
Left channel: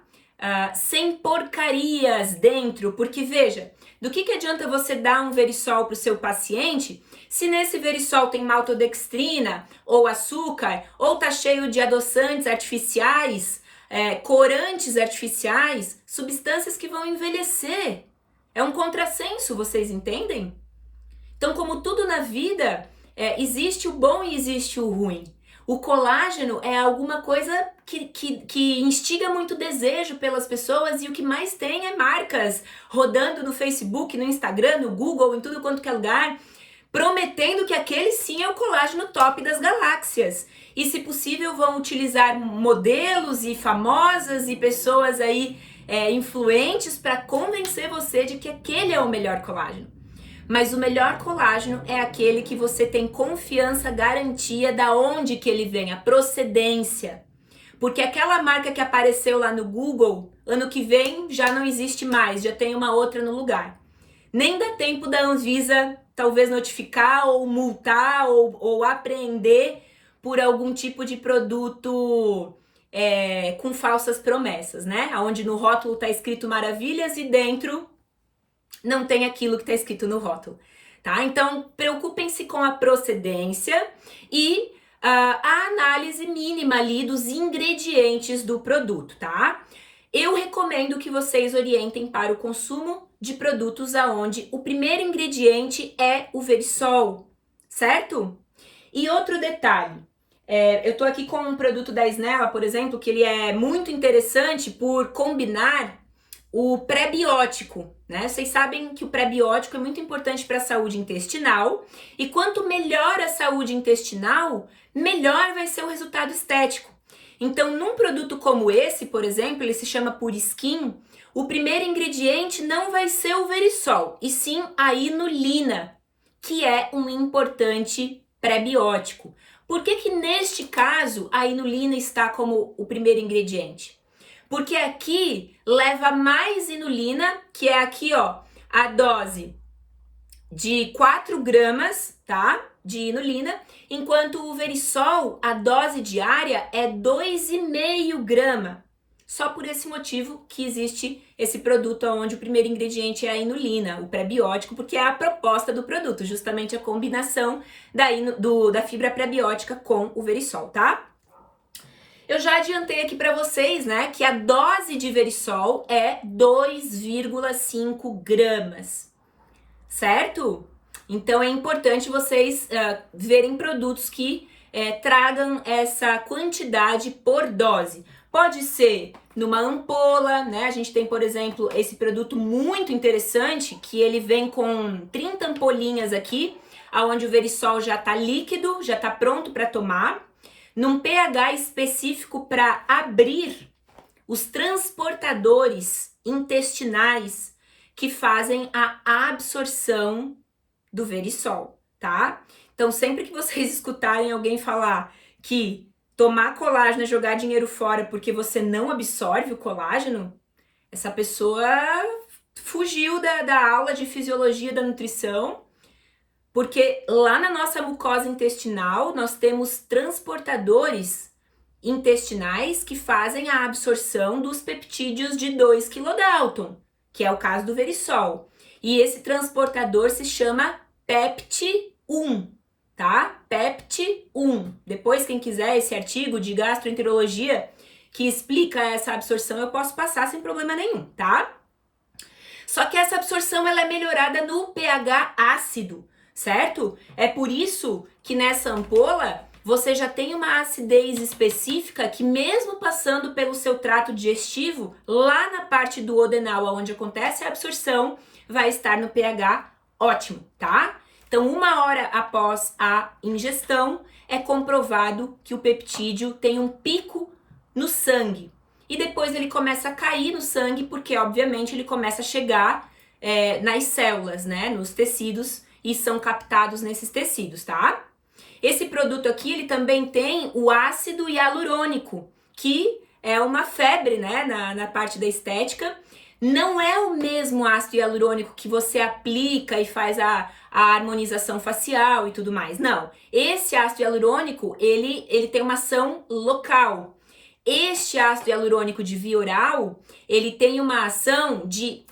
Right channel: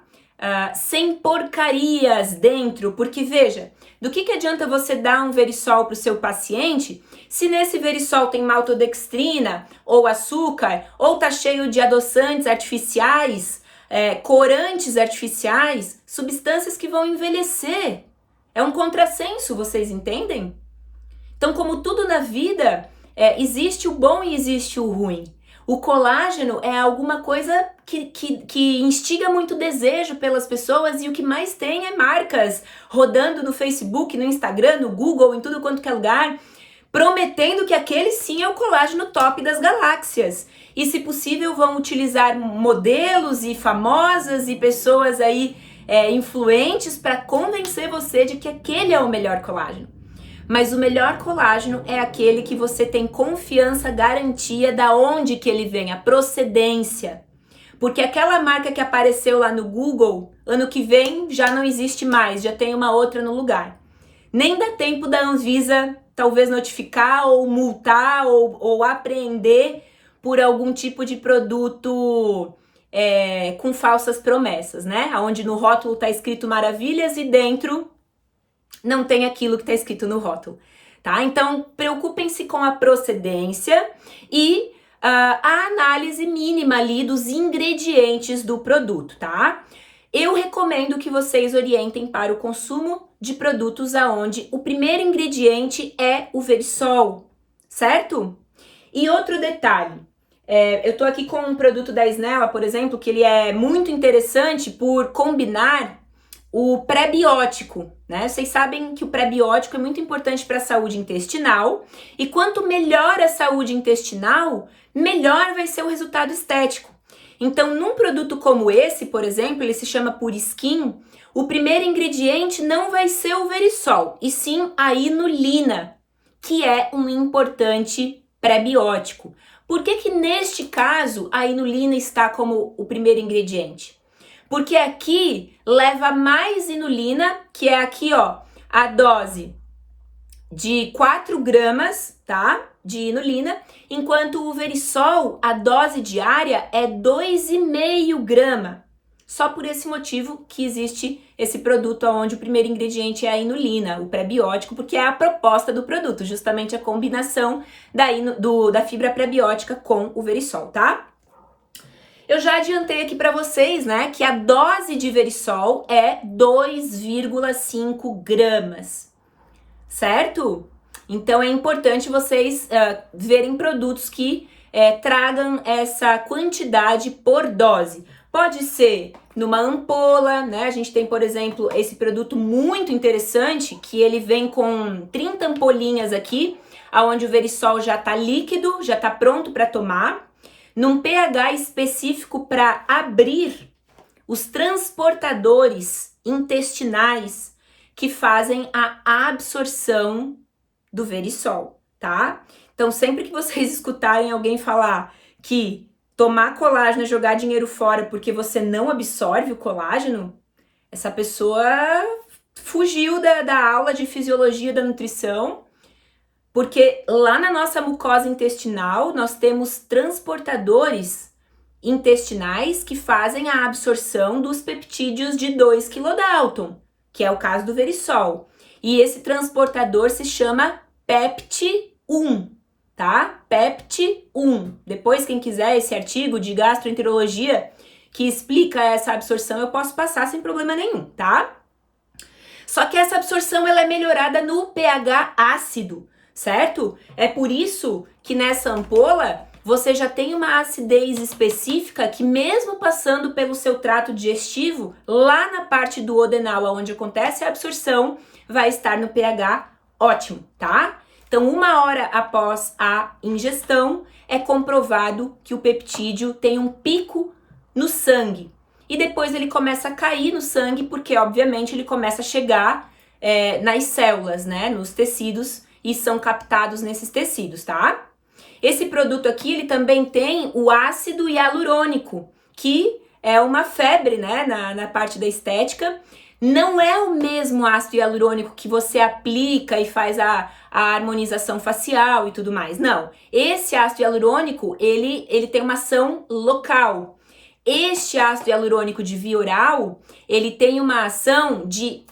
Sem porcarias dentro, porque veja, do que adianta você dar um Verisol para o seu paciente se nesse Verisol tem maltodextrina ou açúcar, ou tá cheio de adoçantes artificiais, corantes artificiais, substâncias que vão envelhecer. É um contrassenso, vocês entendem? Então, como tudo na vida, existe o bom e existe o ruim. O colágeno é alguma coisa que instiga muito desejo pelas pessoas, e o que mais tem é marcas rodando no Facebook, no Instagram, no Google, em tudo quanto que é lugar, prometendo que aquele sim é o colágeno top das galáxias. E, se possível, vão utilizar modelos e famosas e pessoas aí influentes para convencer você de que aquele é o melhor colágeno. Mas o melhor colágeno é aquele que você tem confiança, garantia da onde que ele vem, a procedência. Porque aquela marca que apareceu lá no Google, ano que vem já não existe mais, já tem uma outra no lugar. Nem dá tempo da Anvisa talvez notificar ou multar ou apreender por algum tipo de produto com falsas promessas, né? Onde no rótulo tá escrito maravilhas e dentro não tem aquilo que está escrito no rótulo, tá? Então, preocupem-se com a procedência e a análise mínima ali dos ingredientes do produto, tá? Eu recomendo que vocês orientem para o consumo de produtos aonde o primeiro ingrediente é o Verisol, certo? E outro detalhe, eu tô aqui com um produto da Snella, por exemplo, que ele é muito interessante por combinar o pré-biótico, né? Vocês sabem que o pré-biótico é muito importante para a saúde intestinal, e quanto melhor a saúde intestinal, melhor vai ser o resultado estético. Então, num produto como esse, por exemplo, ele se chama Pure Skin, o primeiro ingrediente não vai ser o Verisol, e sim a inulina, que é um importante pré-biótico. Por que neste caso a inulina está como o primeiro ingrediente? Porque aqui leva mais inulina, que é aqui, ó, a dose de 4 gramas, tá? De inulina, enquanto o Verisol, a dose diária é 2,5 grama. Só por esse motivo que existe esse produto onde o primeiro ingrediente é a inulina, o pré-biótico, porque é a proposta do produto, justamente a combinação da fibra pré-biótica com o Verisol, tá? Eu já adiantei aqui para vocês, né, que a dose de Verisol é 2,5 gramas, certo? Então é importante vocês verem produtos que tragam essa quantidade por dose. Pode ser numa ampola, né? A gente tem, por exemplo, esse produto muito interessante, que ele vem com 30 ampolinhas aqui, onde o Verisol já tá líquido, já tá pronto para tomar, num pH específico para abrir os transportadores intestinais que fazem a absorção do Verisol, tá? Então, sempre que vocês escutarem alguém falar que tomar colágeno é jogar dinheiro fora porque você não absorve o colágeno, essa pessoa fugiu da aula de fisiologia da nutrição, porque lá na nossa mucosa intestinal nós temos transportadores intestinais que fazem a absorção dos peptídeos de 2 kDalton, que é o caso do Verisol. E esse transportador se chama PEPT1, tá? PEPT1. Depois, quem quiser esse artigo de gastroenterologia que explica essa absorção, eu posso passar sem problema nenhum, tá? Só que essa absorção ela é melhorada no pH ácido, certo? É por isso que nessa ampola você já tem uma acidez específica que, mesmo passando pelo seu trato digestivo, lá na parte do duodenal, onde acontece a absorção, vai estar no pH ótimo, tá? Então, 1 hora após a ingestão, é comprovado que o peptídeo tem um pico no sangue. E depois ele começa a cair no sangue, porque, obviamente, ele começa a chegar nas células, né? Nos tecidos, e são captados nesses tecidos, tá? Esse produto aqui, ele também tem o ácido hialurônico, que é uma febre, né? Na parte da estética. Não é o mesmo ácido hialurônico que você aplica e faz a harmonização facial e tudo mais. Não. Esse ácido hialurônico, ele tem uma ação local. Este ácido hialurônico de via oral, ele tem uma ação de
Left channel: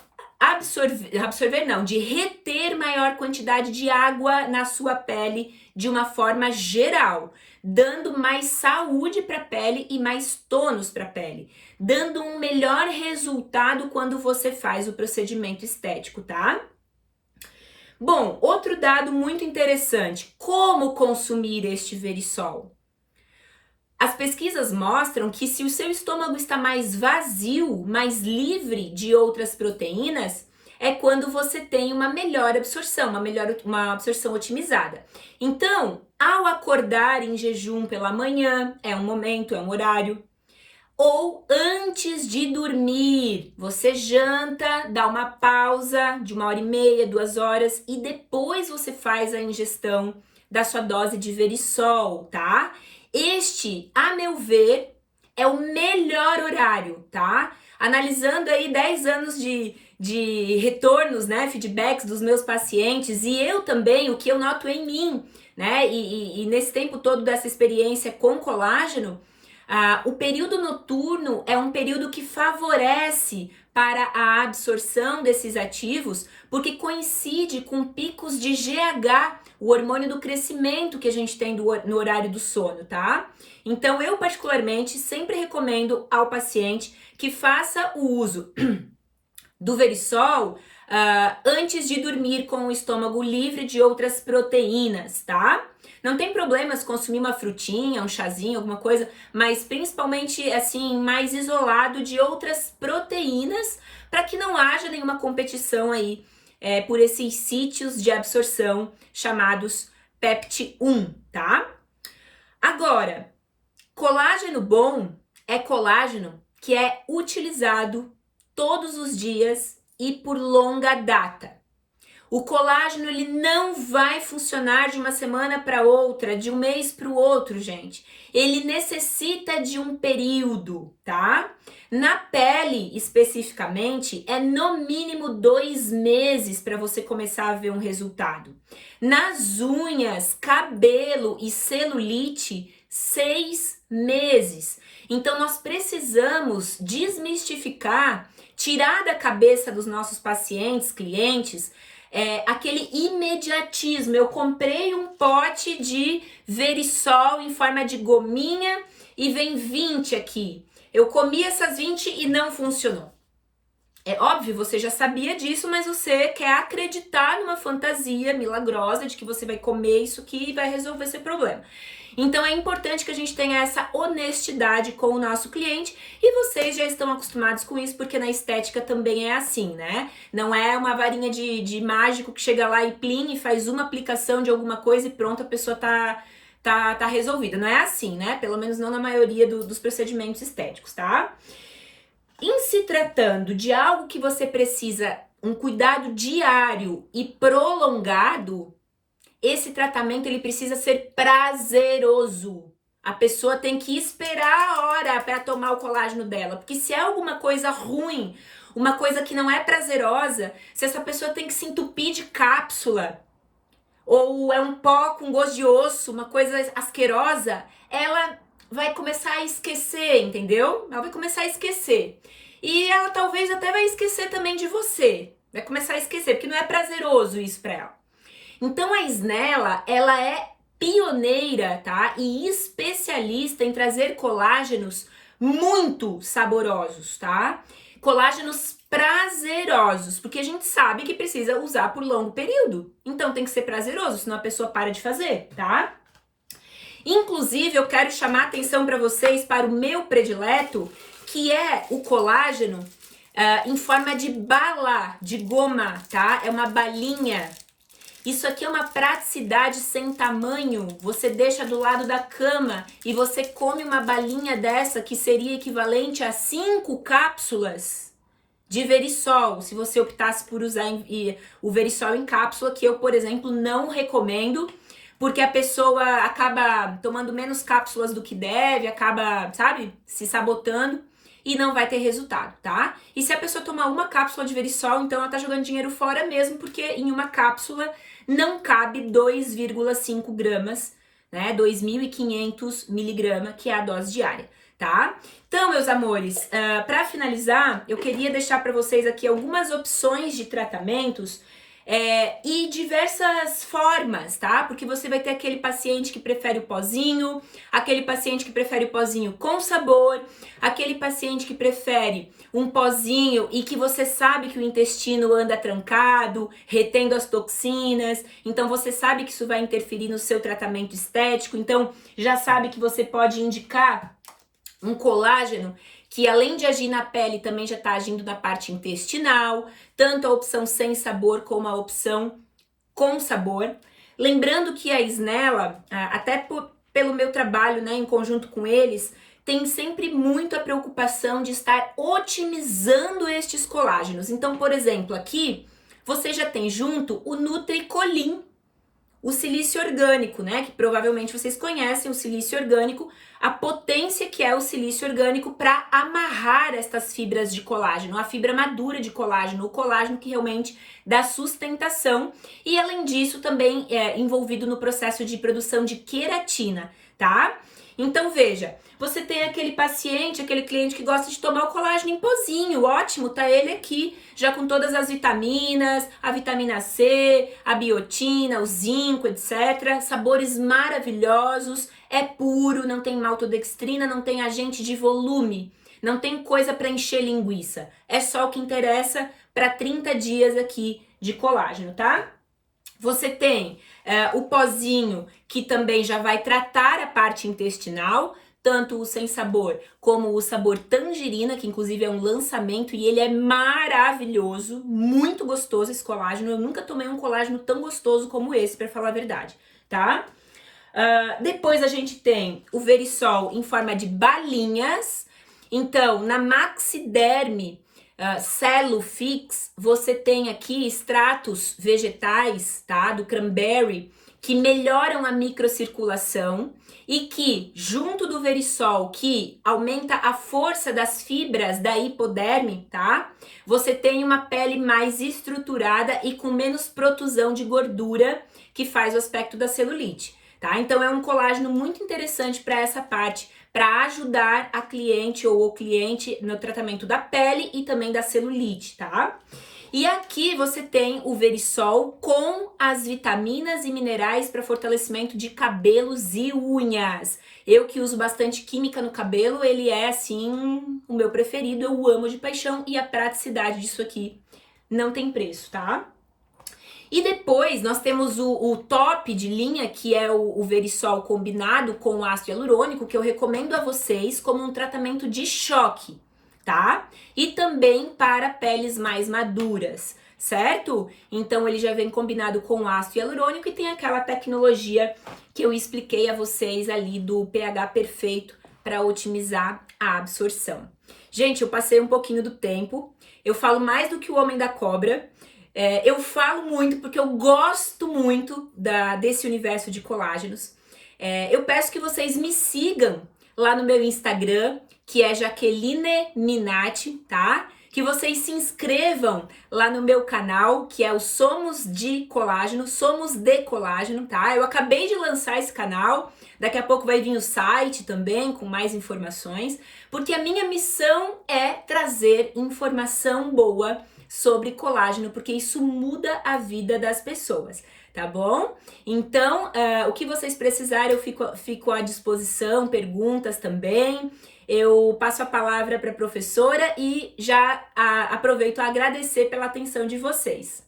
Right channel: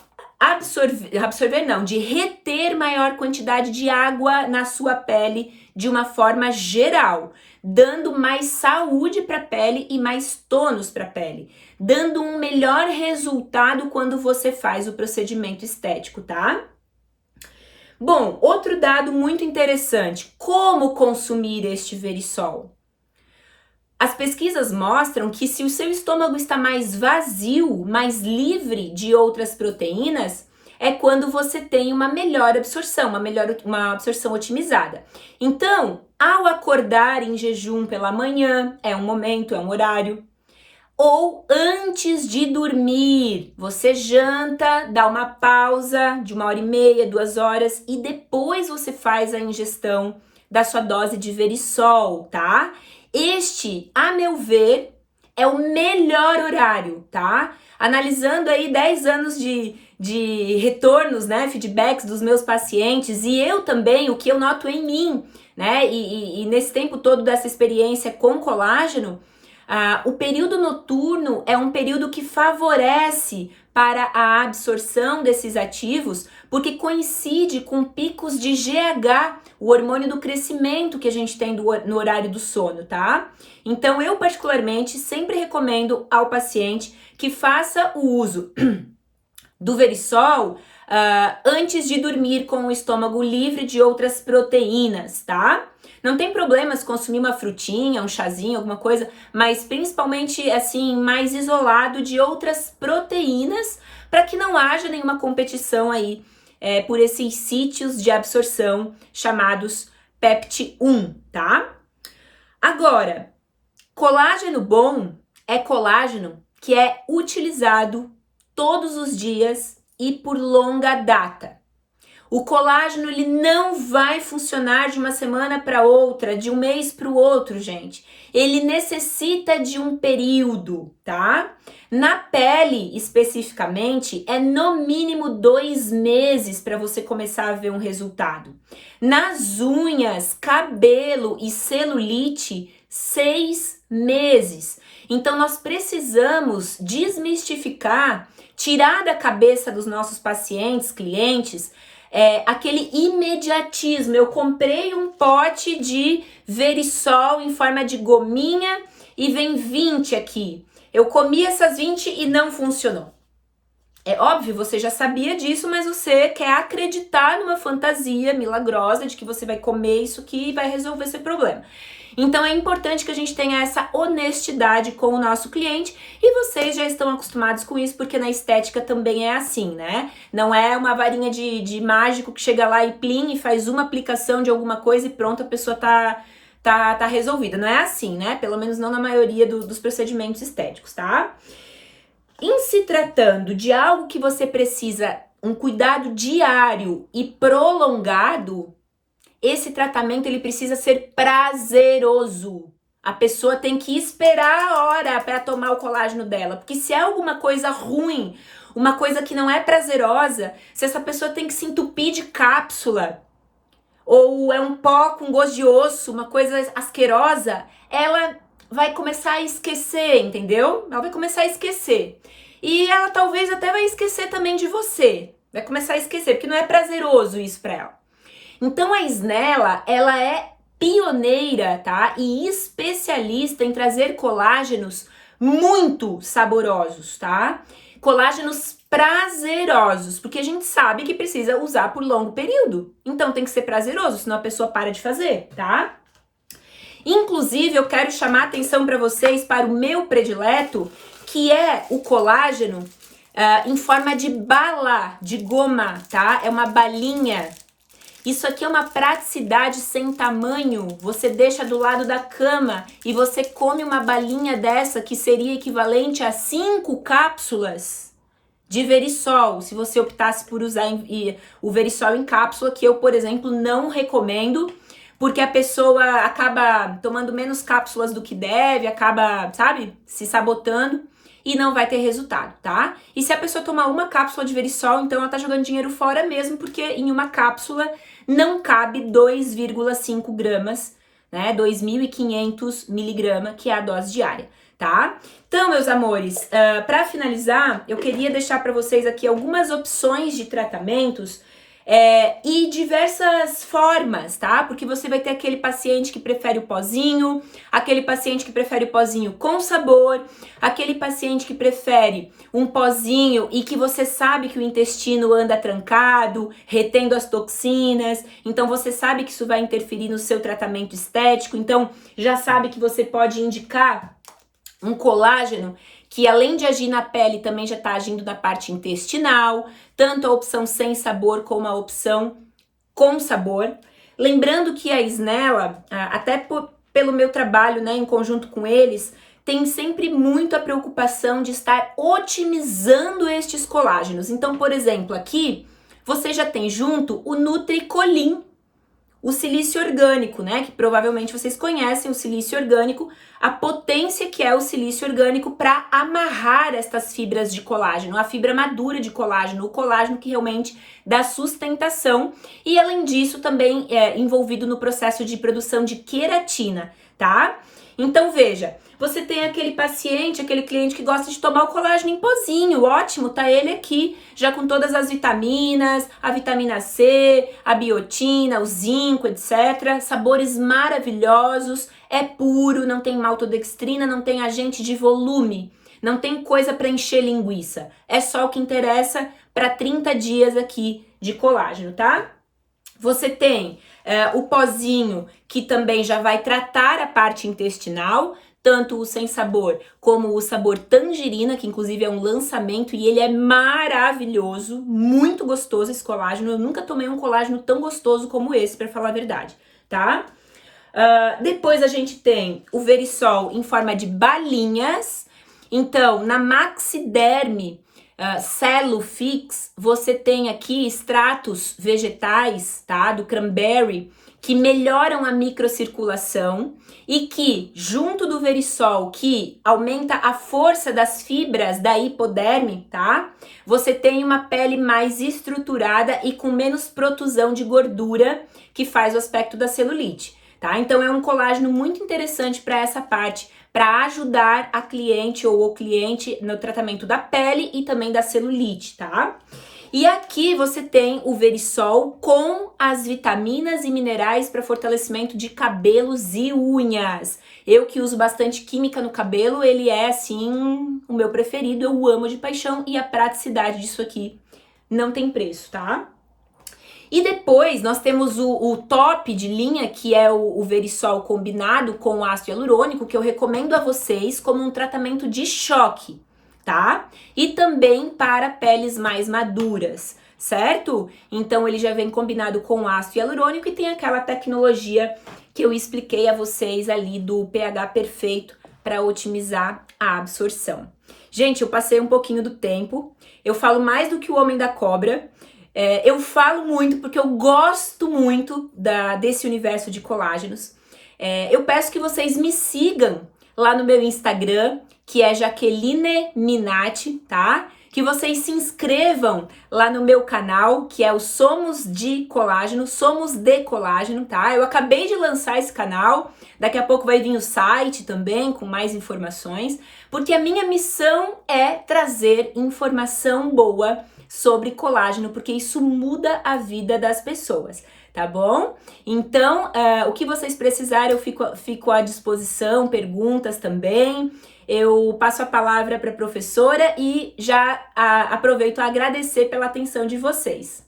de reter maior quantidade de água na sua pele de uma forma geral, dando mais saúde para a pele e mais tônus para a pele, dando um melhor resultado quando você faz o procedimento estético, tá? Bom, outro dado muito interessante, como consumir este Verisol? As pesquisas mostram que se o seu estômago está mais vazio, mais livre de outras proteínas, é quando você tem uma melhor absorção, uma absorção otimizada. Então, ao acordar em jejum pela manhã, é um momento, é um horário, ou antes de dormir, você janta, dá uma pausa de 1h30, 2 horas e depois você faz a ingestão da sua dose de Verisol, tá? Este, a meu ver, é o melhor horário, tá? Analisando aí 10 anos de retornos, né, feedbacks dos meus pacientes e eu também, o que eu noto em mim, né, e nesse tempo todo dessa experiência com colágeno, o período noturno é um período que favorece para a absorção desses ativos, porque coincide com picos de GH, o hormônio do crescimento que a gente tem no horário do sono, tá? Então, eu particularmente sempre recomendo ao paciente que faça o uso do Verisol antes de dormir com o estômago livre de outras proteínas, tá? Não tem problema se consumir uma frutinha, um chazinho, alguma coisa, mas principalmente assim, mais isolado de outras proteínas, para que não haja nenhuma competição aí por esses sítios de absorção chamados PEPT1, tá? Agora, colágeno bom é colágeno que é utilizado todos os dias e por longa data. O colágeno, ele não vai funcionar de uma semana para outra, de um mês para o outro, gente. Ele necessita de um período, tá? Na pele, especificamente, é no mínimo 2 meses para você começar a ver um resultado. Nas unhas, cabelo e celulite, 6 meses. Então, nós precisamos desmistificar, tirar da cabeça dos nossos pacientes, clientes, aquele imediatismo. Eu comprei um pote de Verisol em forma de gominha e vem 20 aqui. Eu comi essas 20 e não funcionou. É óbvio, você já sabia disso, mas você quer acreditar numa fantasia milagrosa de que você vai comer isso aqui e vai resolver esse problema. Então é importante que a gente tenha essa honestidade com o nosso cliente e vocês já estão acostumados com isso, porque na estética também é assim, né? Não é uma varinha de mágico que chega lá e plim e faz uma aplicação de alguma coisa e pronto, a pessoa tá resolvida. Não é assim, né? Pelo menos não na maioria dos procedimentos estéticos, tá? Em se tratando de algo que você precisa um cuidado diário e prolongado, esse tratamento ele precisa ser prazeroso. A pessoa tem que esperar a hora para tomar o colágeno dela, porque se é alguma coisa ruim, uma coisa que não é prazerosa, se essa pessoa tem que se entupir de cápsula, ou é um pó com gosto de osso, uma coisa asquerosa, ela vai começar a esquecer, entendeu? Ela vai começar a esquecer. E ela talvez até vai esquecer também de você. Vai começar a esquecer, porque não é prazeroso isso para ela. Então a Snella, ela é pioneira, tá? E especialista em trazer colágenos muito saborosos, tá? Colágenos prazerosos, porque a gente sabe que precisa usar por longo período. Então tem que ser prazeroso, senão a pessoa para de fazer, tá? Inclusive, eu quero chamar a atenção para vocês para o meu predileto, que é o colágeno em forma de bala, de goma, tá? É uma balinha. Isso aqui é uma praticidade sem tamanho. Você deixa do lado da cama e você come uma balinha dessa que seria equivalente a 5 cápsulas de Verisol, se você optasse por usar o Verisol em cápsula, que eu, por exemplo, não recomendo, porque a pessoa acaba tomando menos cápsulas do que deve, acaba, sabe, se sabotando e não vai ter resultado, tá? E se a pessoa tomar uma cápsula de Verisol, então ela tá jogando dinheiro fora mesmo, porque em uma cápsula não cabe 2,5 gramas, né? 2.500 miligramas, que é a dose diária, tá? Então, meus amores, para finalizar, eu queria deixar para vocês aqui algumas opções de tratamentos e diversas formas, tá? Porque você vai ter aquele paciente que prefere o pozinho, aquele paciente que prefere o pozinho com sabor, aquele paciente que prefere um pozinho e que você sabe que o intestino anda trancado, retendo as toxinas, então você sabe que isso vai interferir no seu tratamento estético, então já sabe que você pode indicar um colágeno que além de agir na pele também já está agindo na parte intestinal, tanto a opção sem sabor como a opção com sabor. Lembrando que a Snella, até pelo meu trabalho, né, em conjunto com eles, tem sempre muito a preocupação de estar otimizando estes colágenos. Então, por exemplo, aqui você já tem junto o Nutricolin, o silício orgânico, né? Que provavelmente vocês conhecem o silício orgânico, a potência que é o silício orgânico para amarrar estas fibras de colágeno, a fibra madura de colágeno, o colágeno que realmente dá sustentação e além disso também é envolvido no processo de produção de queratina, tá? Então veja, você tem aquele paciente, aquele cliente que gosta de tomar o colágeno em pozinho, ótimo, tá ele aqui, já com todas as vitaminas, a vitamina C, a biotina, o zinco, etc. Sabores maravilhosos, é puro, não tem maltodextrina, não tem agente de volume, não tem coisa para encher linguiça. É só o que interessa para 30 dias aqui de colágeno, tá? Você tem o pozinho, que também já vai tratar a parte intestinal, tanto o sem sabor como o sabor tangerina, que inclusive é um lançamento e ele é maravilhoso, muito gostoso esse colágeno. Eu nunca tomei um colágeno tão gostoso como esse, para falar a verdade, tá? Depois a gente tem o Verisol em forma de balinhas. Então, na Maxiderme, Cellufix, você tem aqui extratos vegetais, tá? Do cranberry, que melhoram a microcirculação e que, junto do Verisol, que aumenta a força das fibras da hipoderme, tá? Você tem uma pele mais estruturada e com menos protusão de gordura, que faz o aspecto da celulite, tá? Então é um colágeno muito interessante para essa parte, para ajudar a cliente ou o cliente no tratamento da pele e também da celulite, tá? E aqui você tem o Verisol com as vitaminas e minerais para fortalecimento de cabelos e unhas. Eu que uso bastante química no cabelo, ele é assim o meu preferido, eu amo de paixão e a praticidade disso aqui não tem preço, tá? E depois nós temos o top de linha, que é o Verisol combinado com o ácido hialurônico, que eu recomendo a vocês como um tratamento de choque, tá? E também para peles mais maduras, certo? Então ele já vem combinado com o ácido hialurônico e tem aquela tecnologia que eu expliquei a vocês ali do pH perfeito para otimizar a absorção. Gente, eu passei um pouquinho do tempo, eu falo mais do que o homem da cobra. Eu falo muito porque eu gosto muito desse universo de colágenos. Eu peço que vocês me sigam lá no meu Instagram, que é Jaqueline Minatti, tá? Que vocês se inscrevam lá no meu canal, que é o Somos de Colágeno, Somos de Colágeno, tá? Eu acabei de lançar esse canal, daqui a pouco vai vir o site também com mais informações, porque a minha missão é trazer informação boa sobre colágeno, porque isso muda a vida das pessoas, tá bom? Então, o que vocês precisarem, eu fico à disposição, perguntas também. Eu passo a palavra para a professora e já aproveito a agradecer pela atenção de vocês.